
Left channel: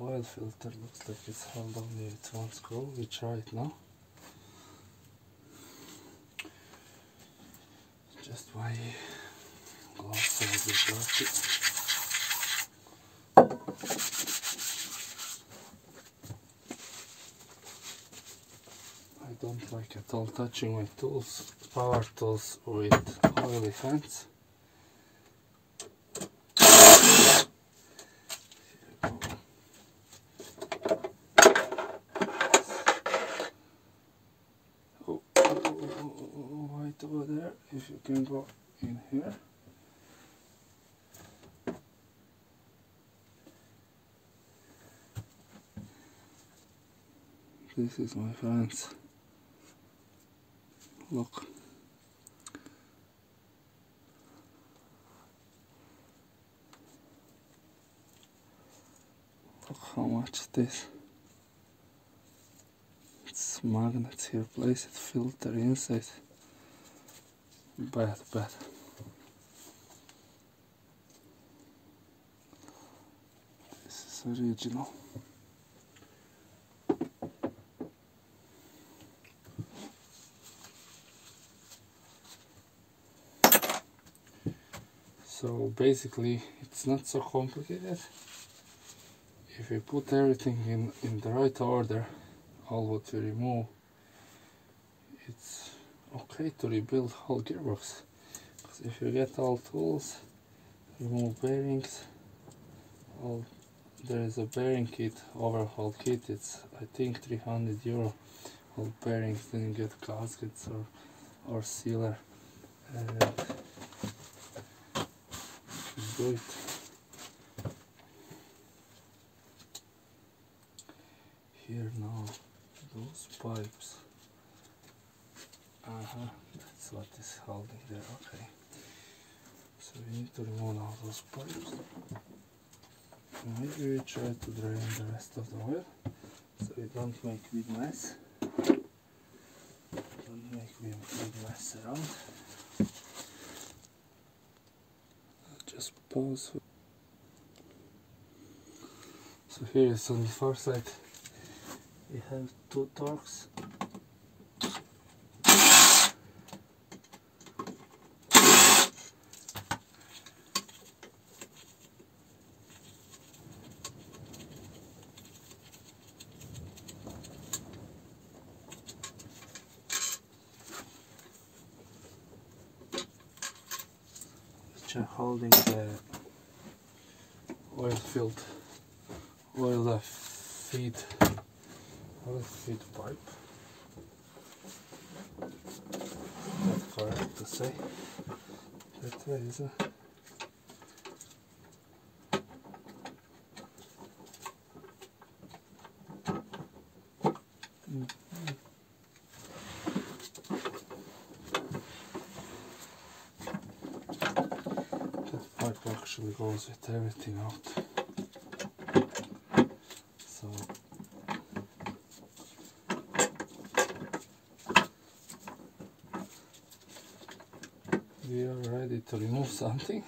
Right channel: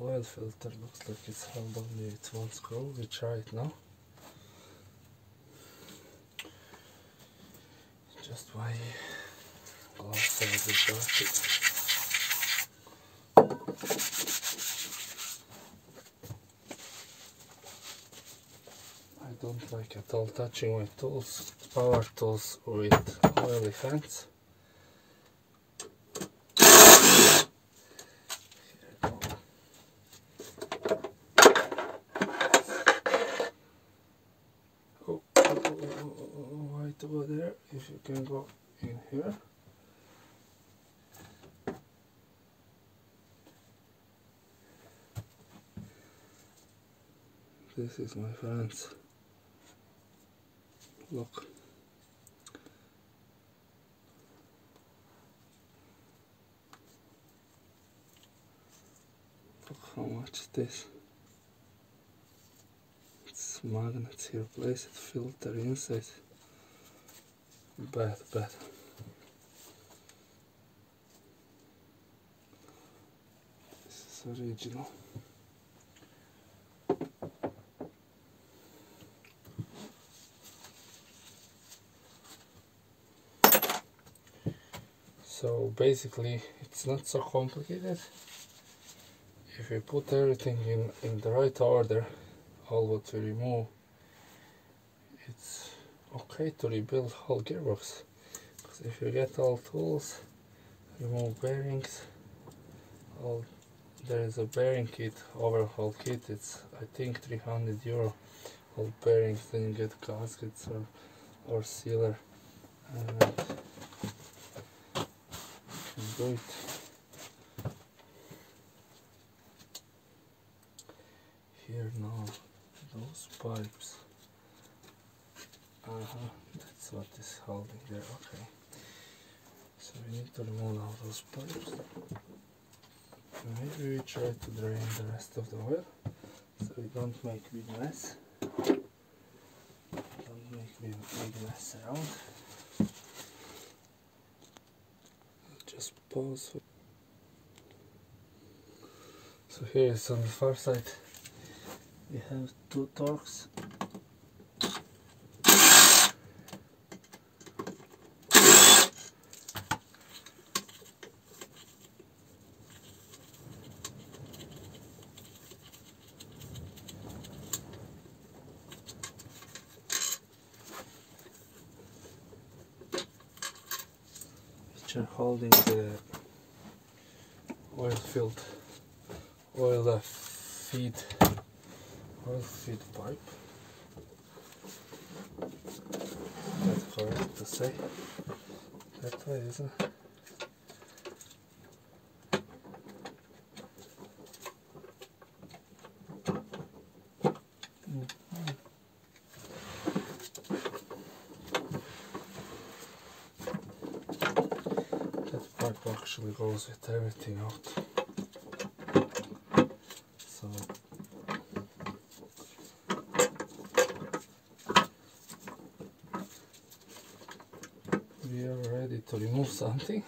Oil filter looks like it's held only with one screw. We try it now. Just why glass is dirty. I don't like at all touching my tools, power tools, with oily hands. Over there, if you can go in here. This is, my friends, Look. Look how much it is. It's magnets here, place it, filter inside. Bad. This is original. So basically it's not so complicated. If we put everything in the right order, all what we remove, it's okay to rebuild whole gearbox. Because if you get all tools, remove bearings, there is a bearing kit, overhaul kit, it's I think €300, all bearings, then you get gaskets or sealer, and do it. Here now, those pipes, that's what is holding there, okay. So we need to remove all those pipes. Maybe we try to drain the rest of the oil, so we don't make big mess. Don't make big mess around. Just pause. So here is on the far side. We have 2 torques. Which are holding the oil feed pipe. That's correct to say. That way, isn't it? That pipe actually goes with everything out. So we are ready to remove something.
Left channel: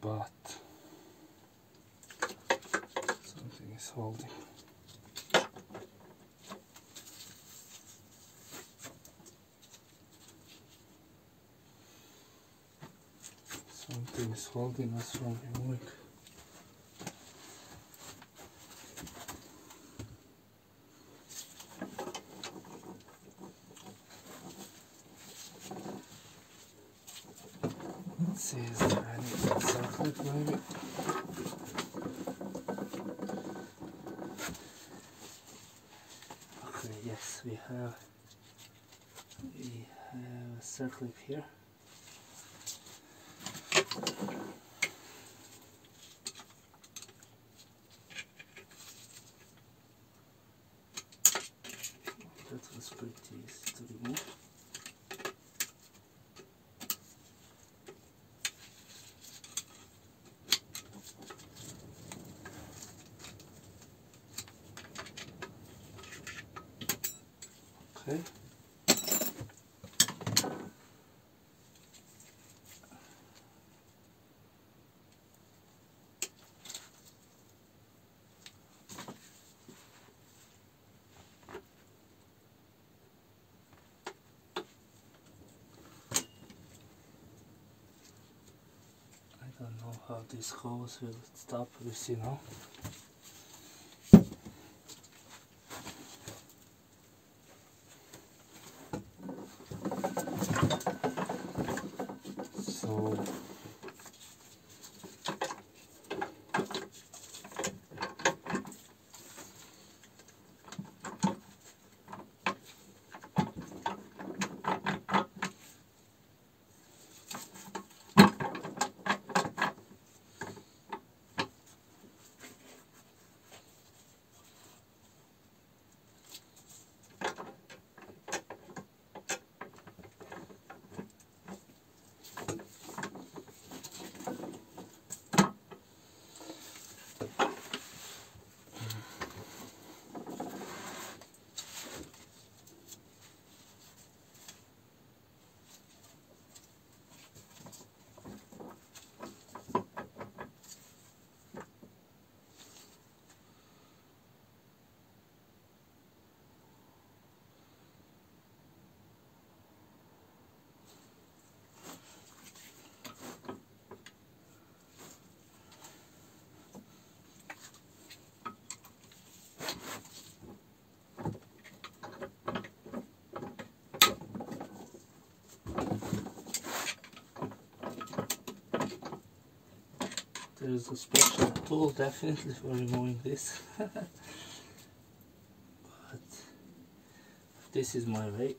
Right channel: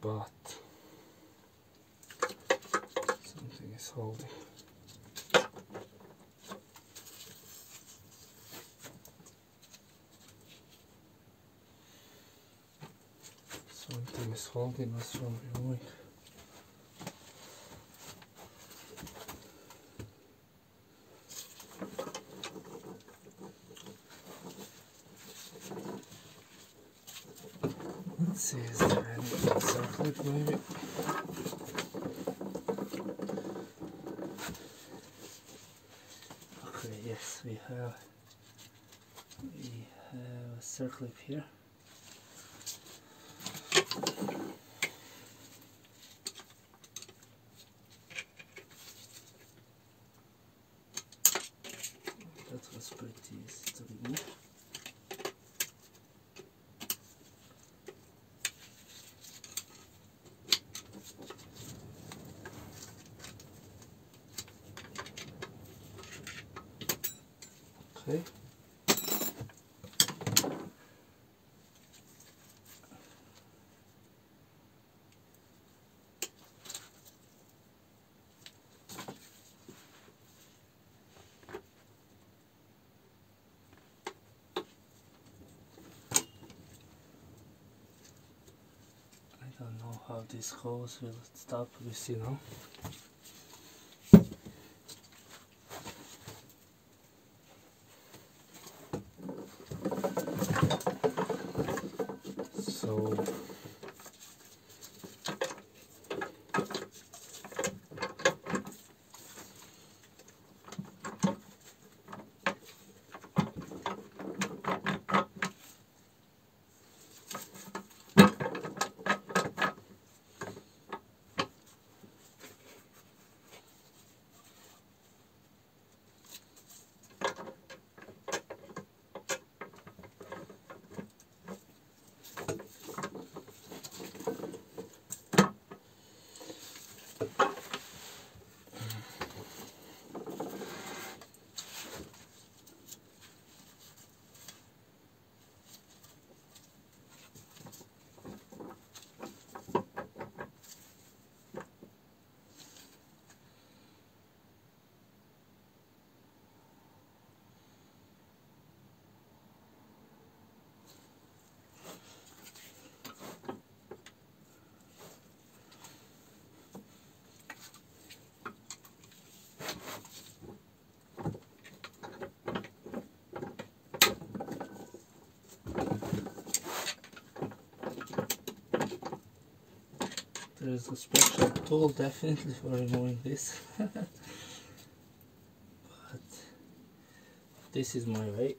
But something is holding. Something is holding us from removing. Let's see, is there anything circled maybe? Okay, yes, we have a circlip here. That was pretty easy to remove. Okay. I don't know how this goes. Will it stop? We see now. So there's a special tool definitely for removing this. But this is my way.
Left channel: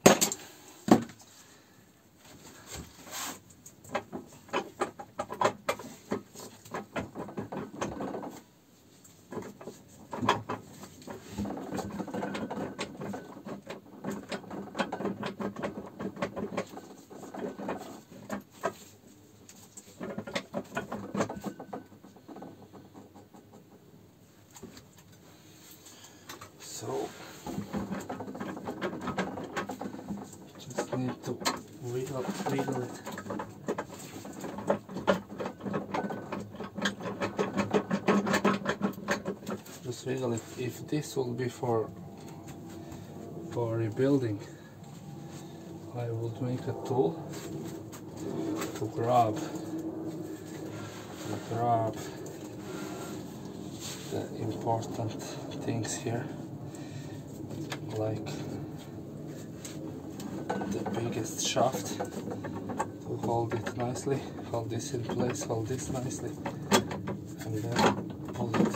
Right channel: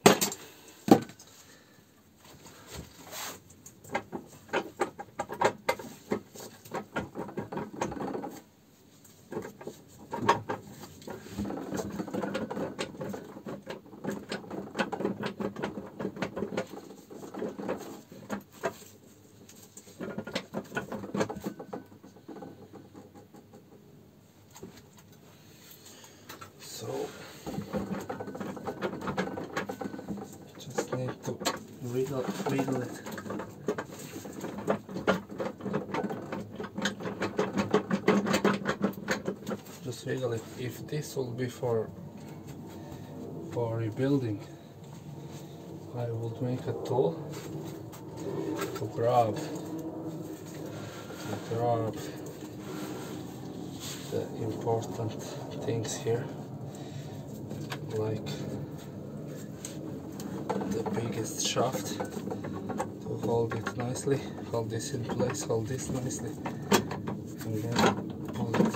So just need to wiggle it. Just wiggle it. If this will be for rebuilding, I would make a tool to grab the important things here, like the biggest shaft, to hold it nicely, hold this in place, hold this nicely, and then hold it.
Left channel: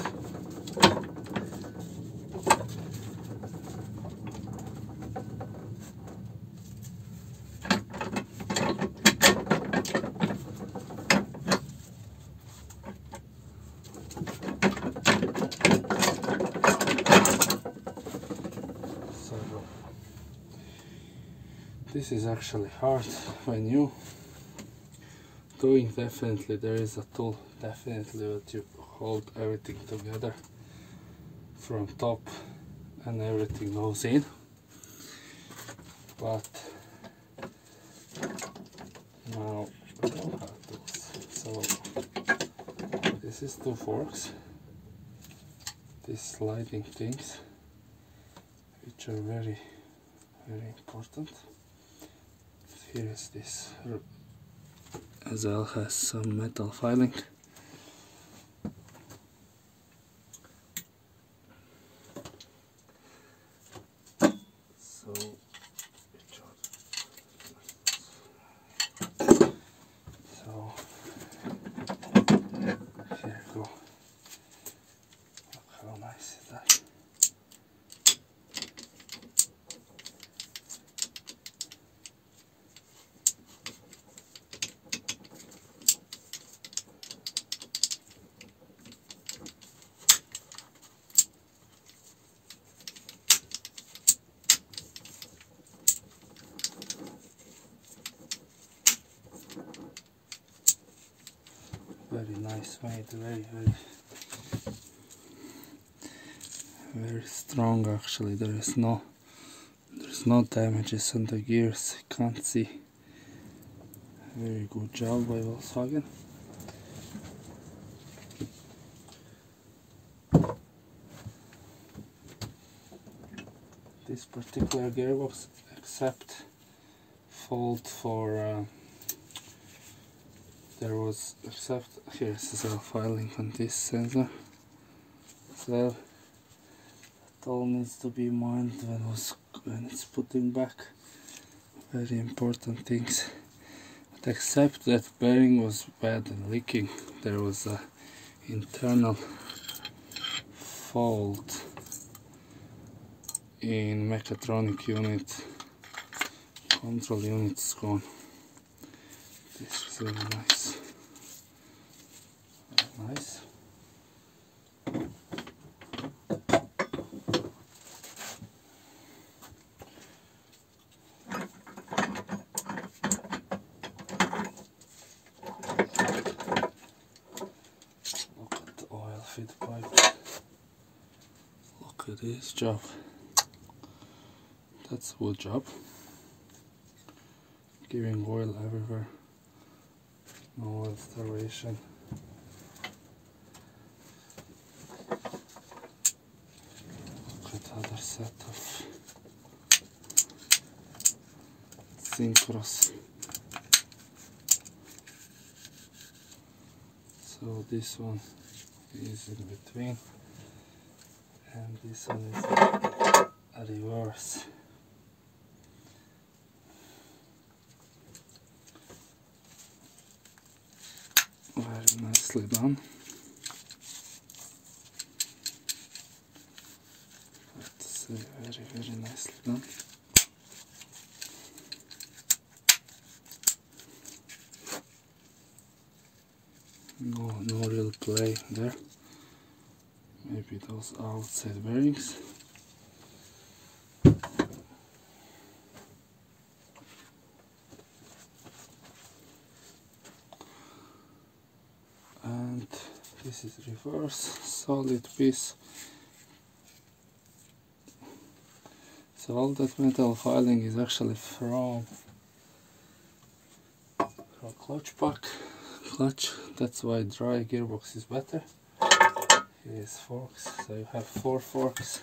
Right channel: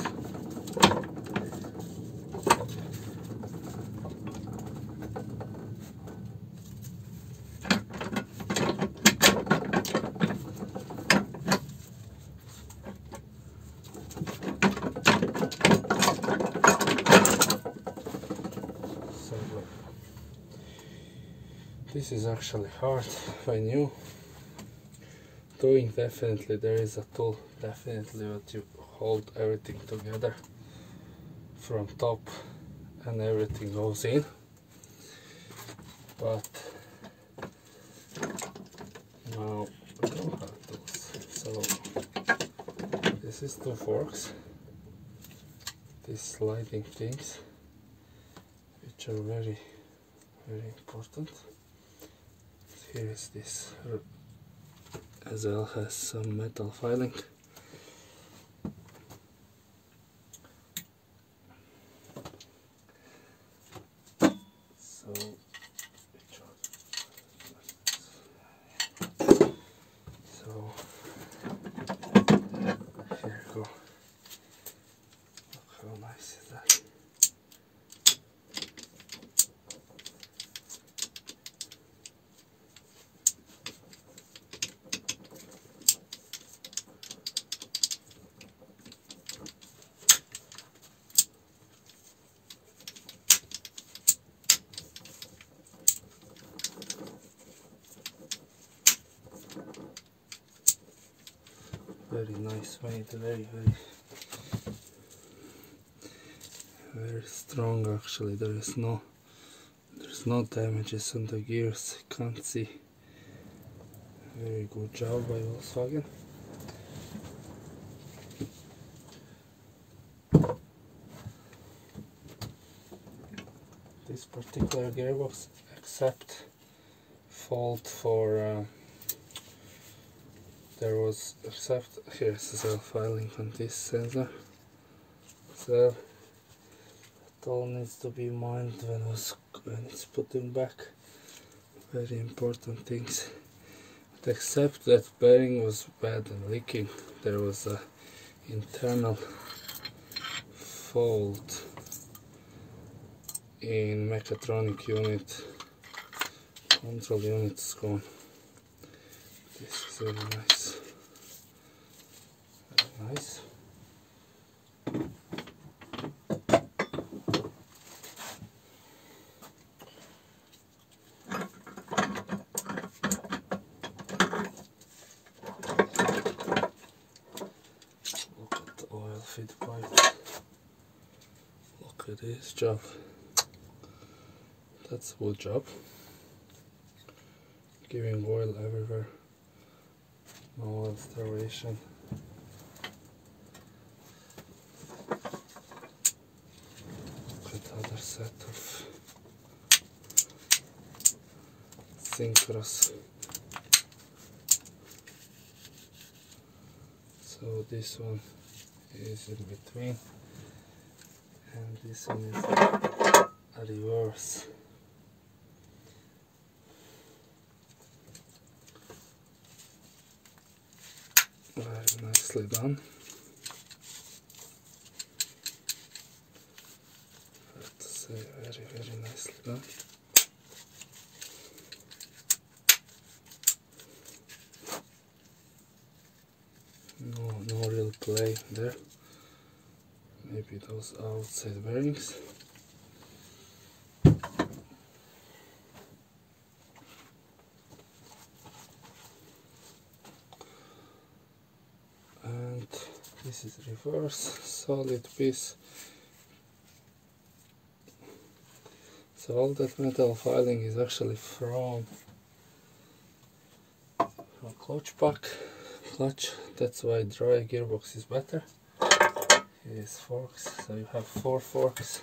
This is actually hard when you doing. Definitely there is a tool definitely that you hold everything together from top and everything goes in, but now we don't have this. So this is two forks, these sliding things, which are very important. Here is this as well, has some metal filing. So here you go. Look how nice is that. Very nice made, very strong actually. There's no damages on the gears, can't see. Very good job by Volkswagen. This particular gearbox except fault for there was, except here's the filing on this sensor, so that all needs to be minded when it's putting back. Very important things. But except that bearing was bad and leaking, there was a internal fault in mechatronic unit. Control unit's gone. This is very nice. Very nice. Look at the oil feed pipe. Look at this job. That's a good job. Giving oil everywhere. No oil starvation. Look at the other set of synchros. So this one is in between and this one is a reverse. Very nicely done. done. No real play there. Maybe those outside bearings. And this is reverse, solid piece. So all that metal filing is actually from clutch. That's why dry gearbox is better. Here is forks, so you have 4 forks.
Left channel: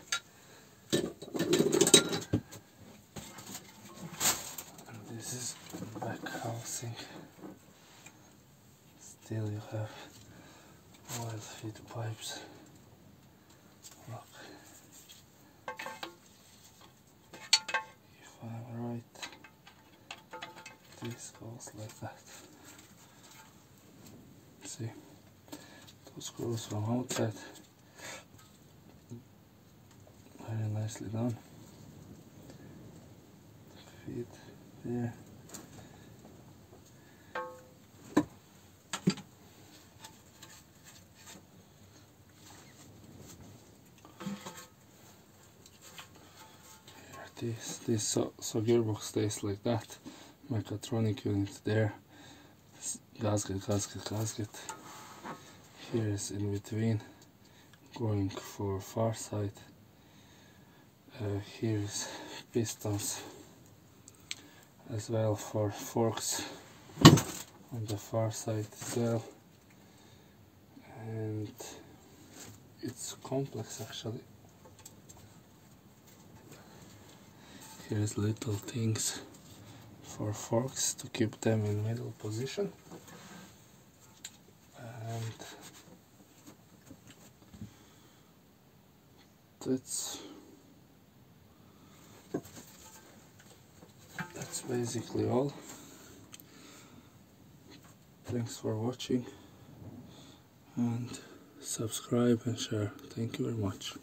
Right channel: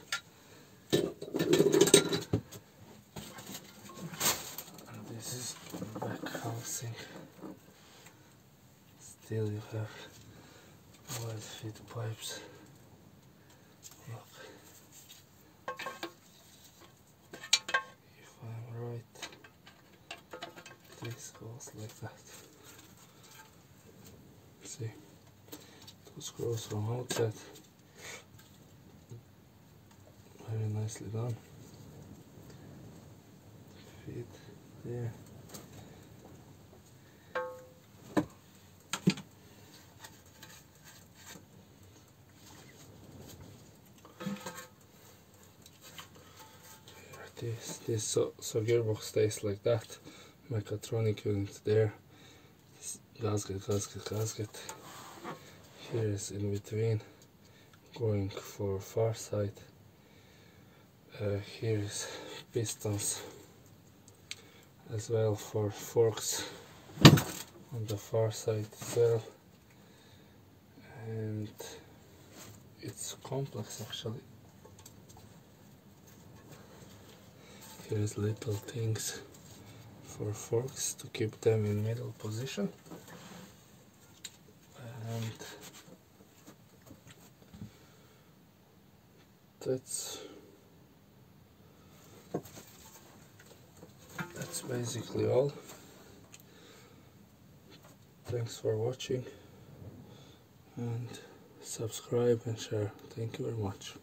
And this is back housing. Still you have oil feed pipes. Look. If I'm right, this goes like that. See, those screws from outside, very nicely done. Feed there. This so gearbox stays like that. Mechatronic unit there. Gasket. Here is in between, going for far side. Here is pistons as well for forks on the far side as well. And it's complex actually. Here is little things for forks to keep them in middle position. And that's basically all. Thanks for watching, and subscribe and share. Thank you very much.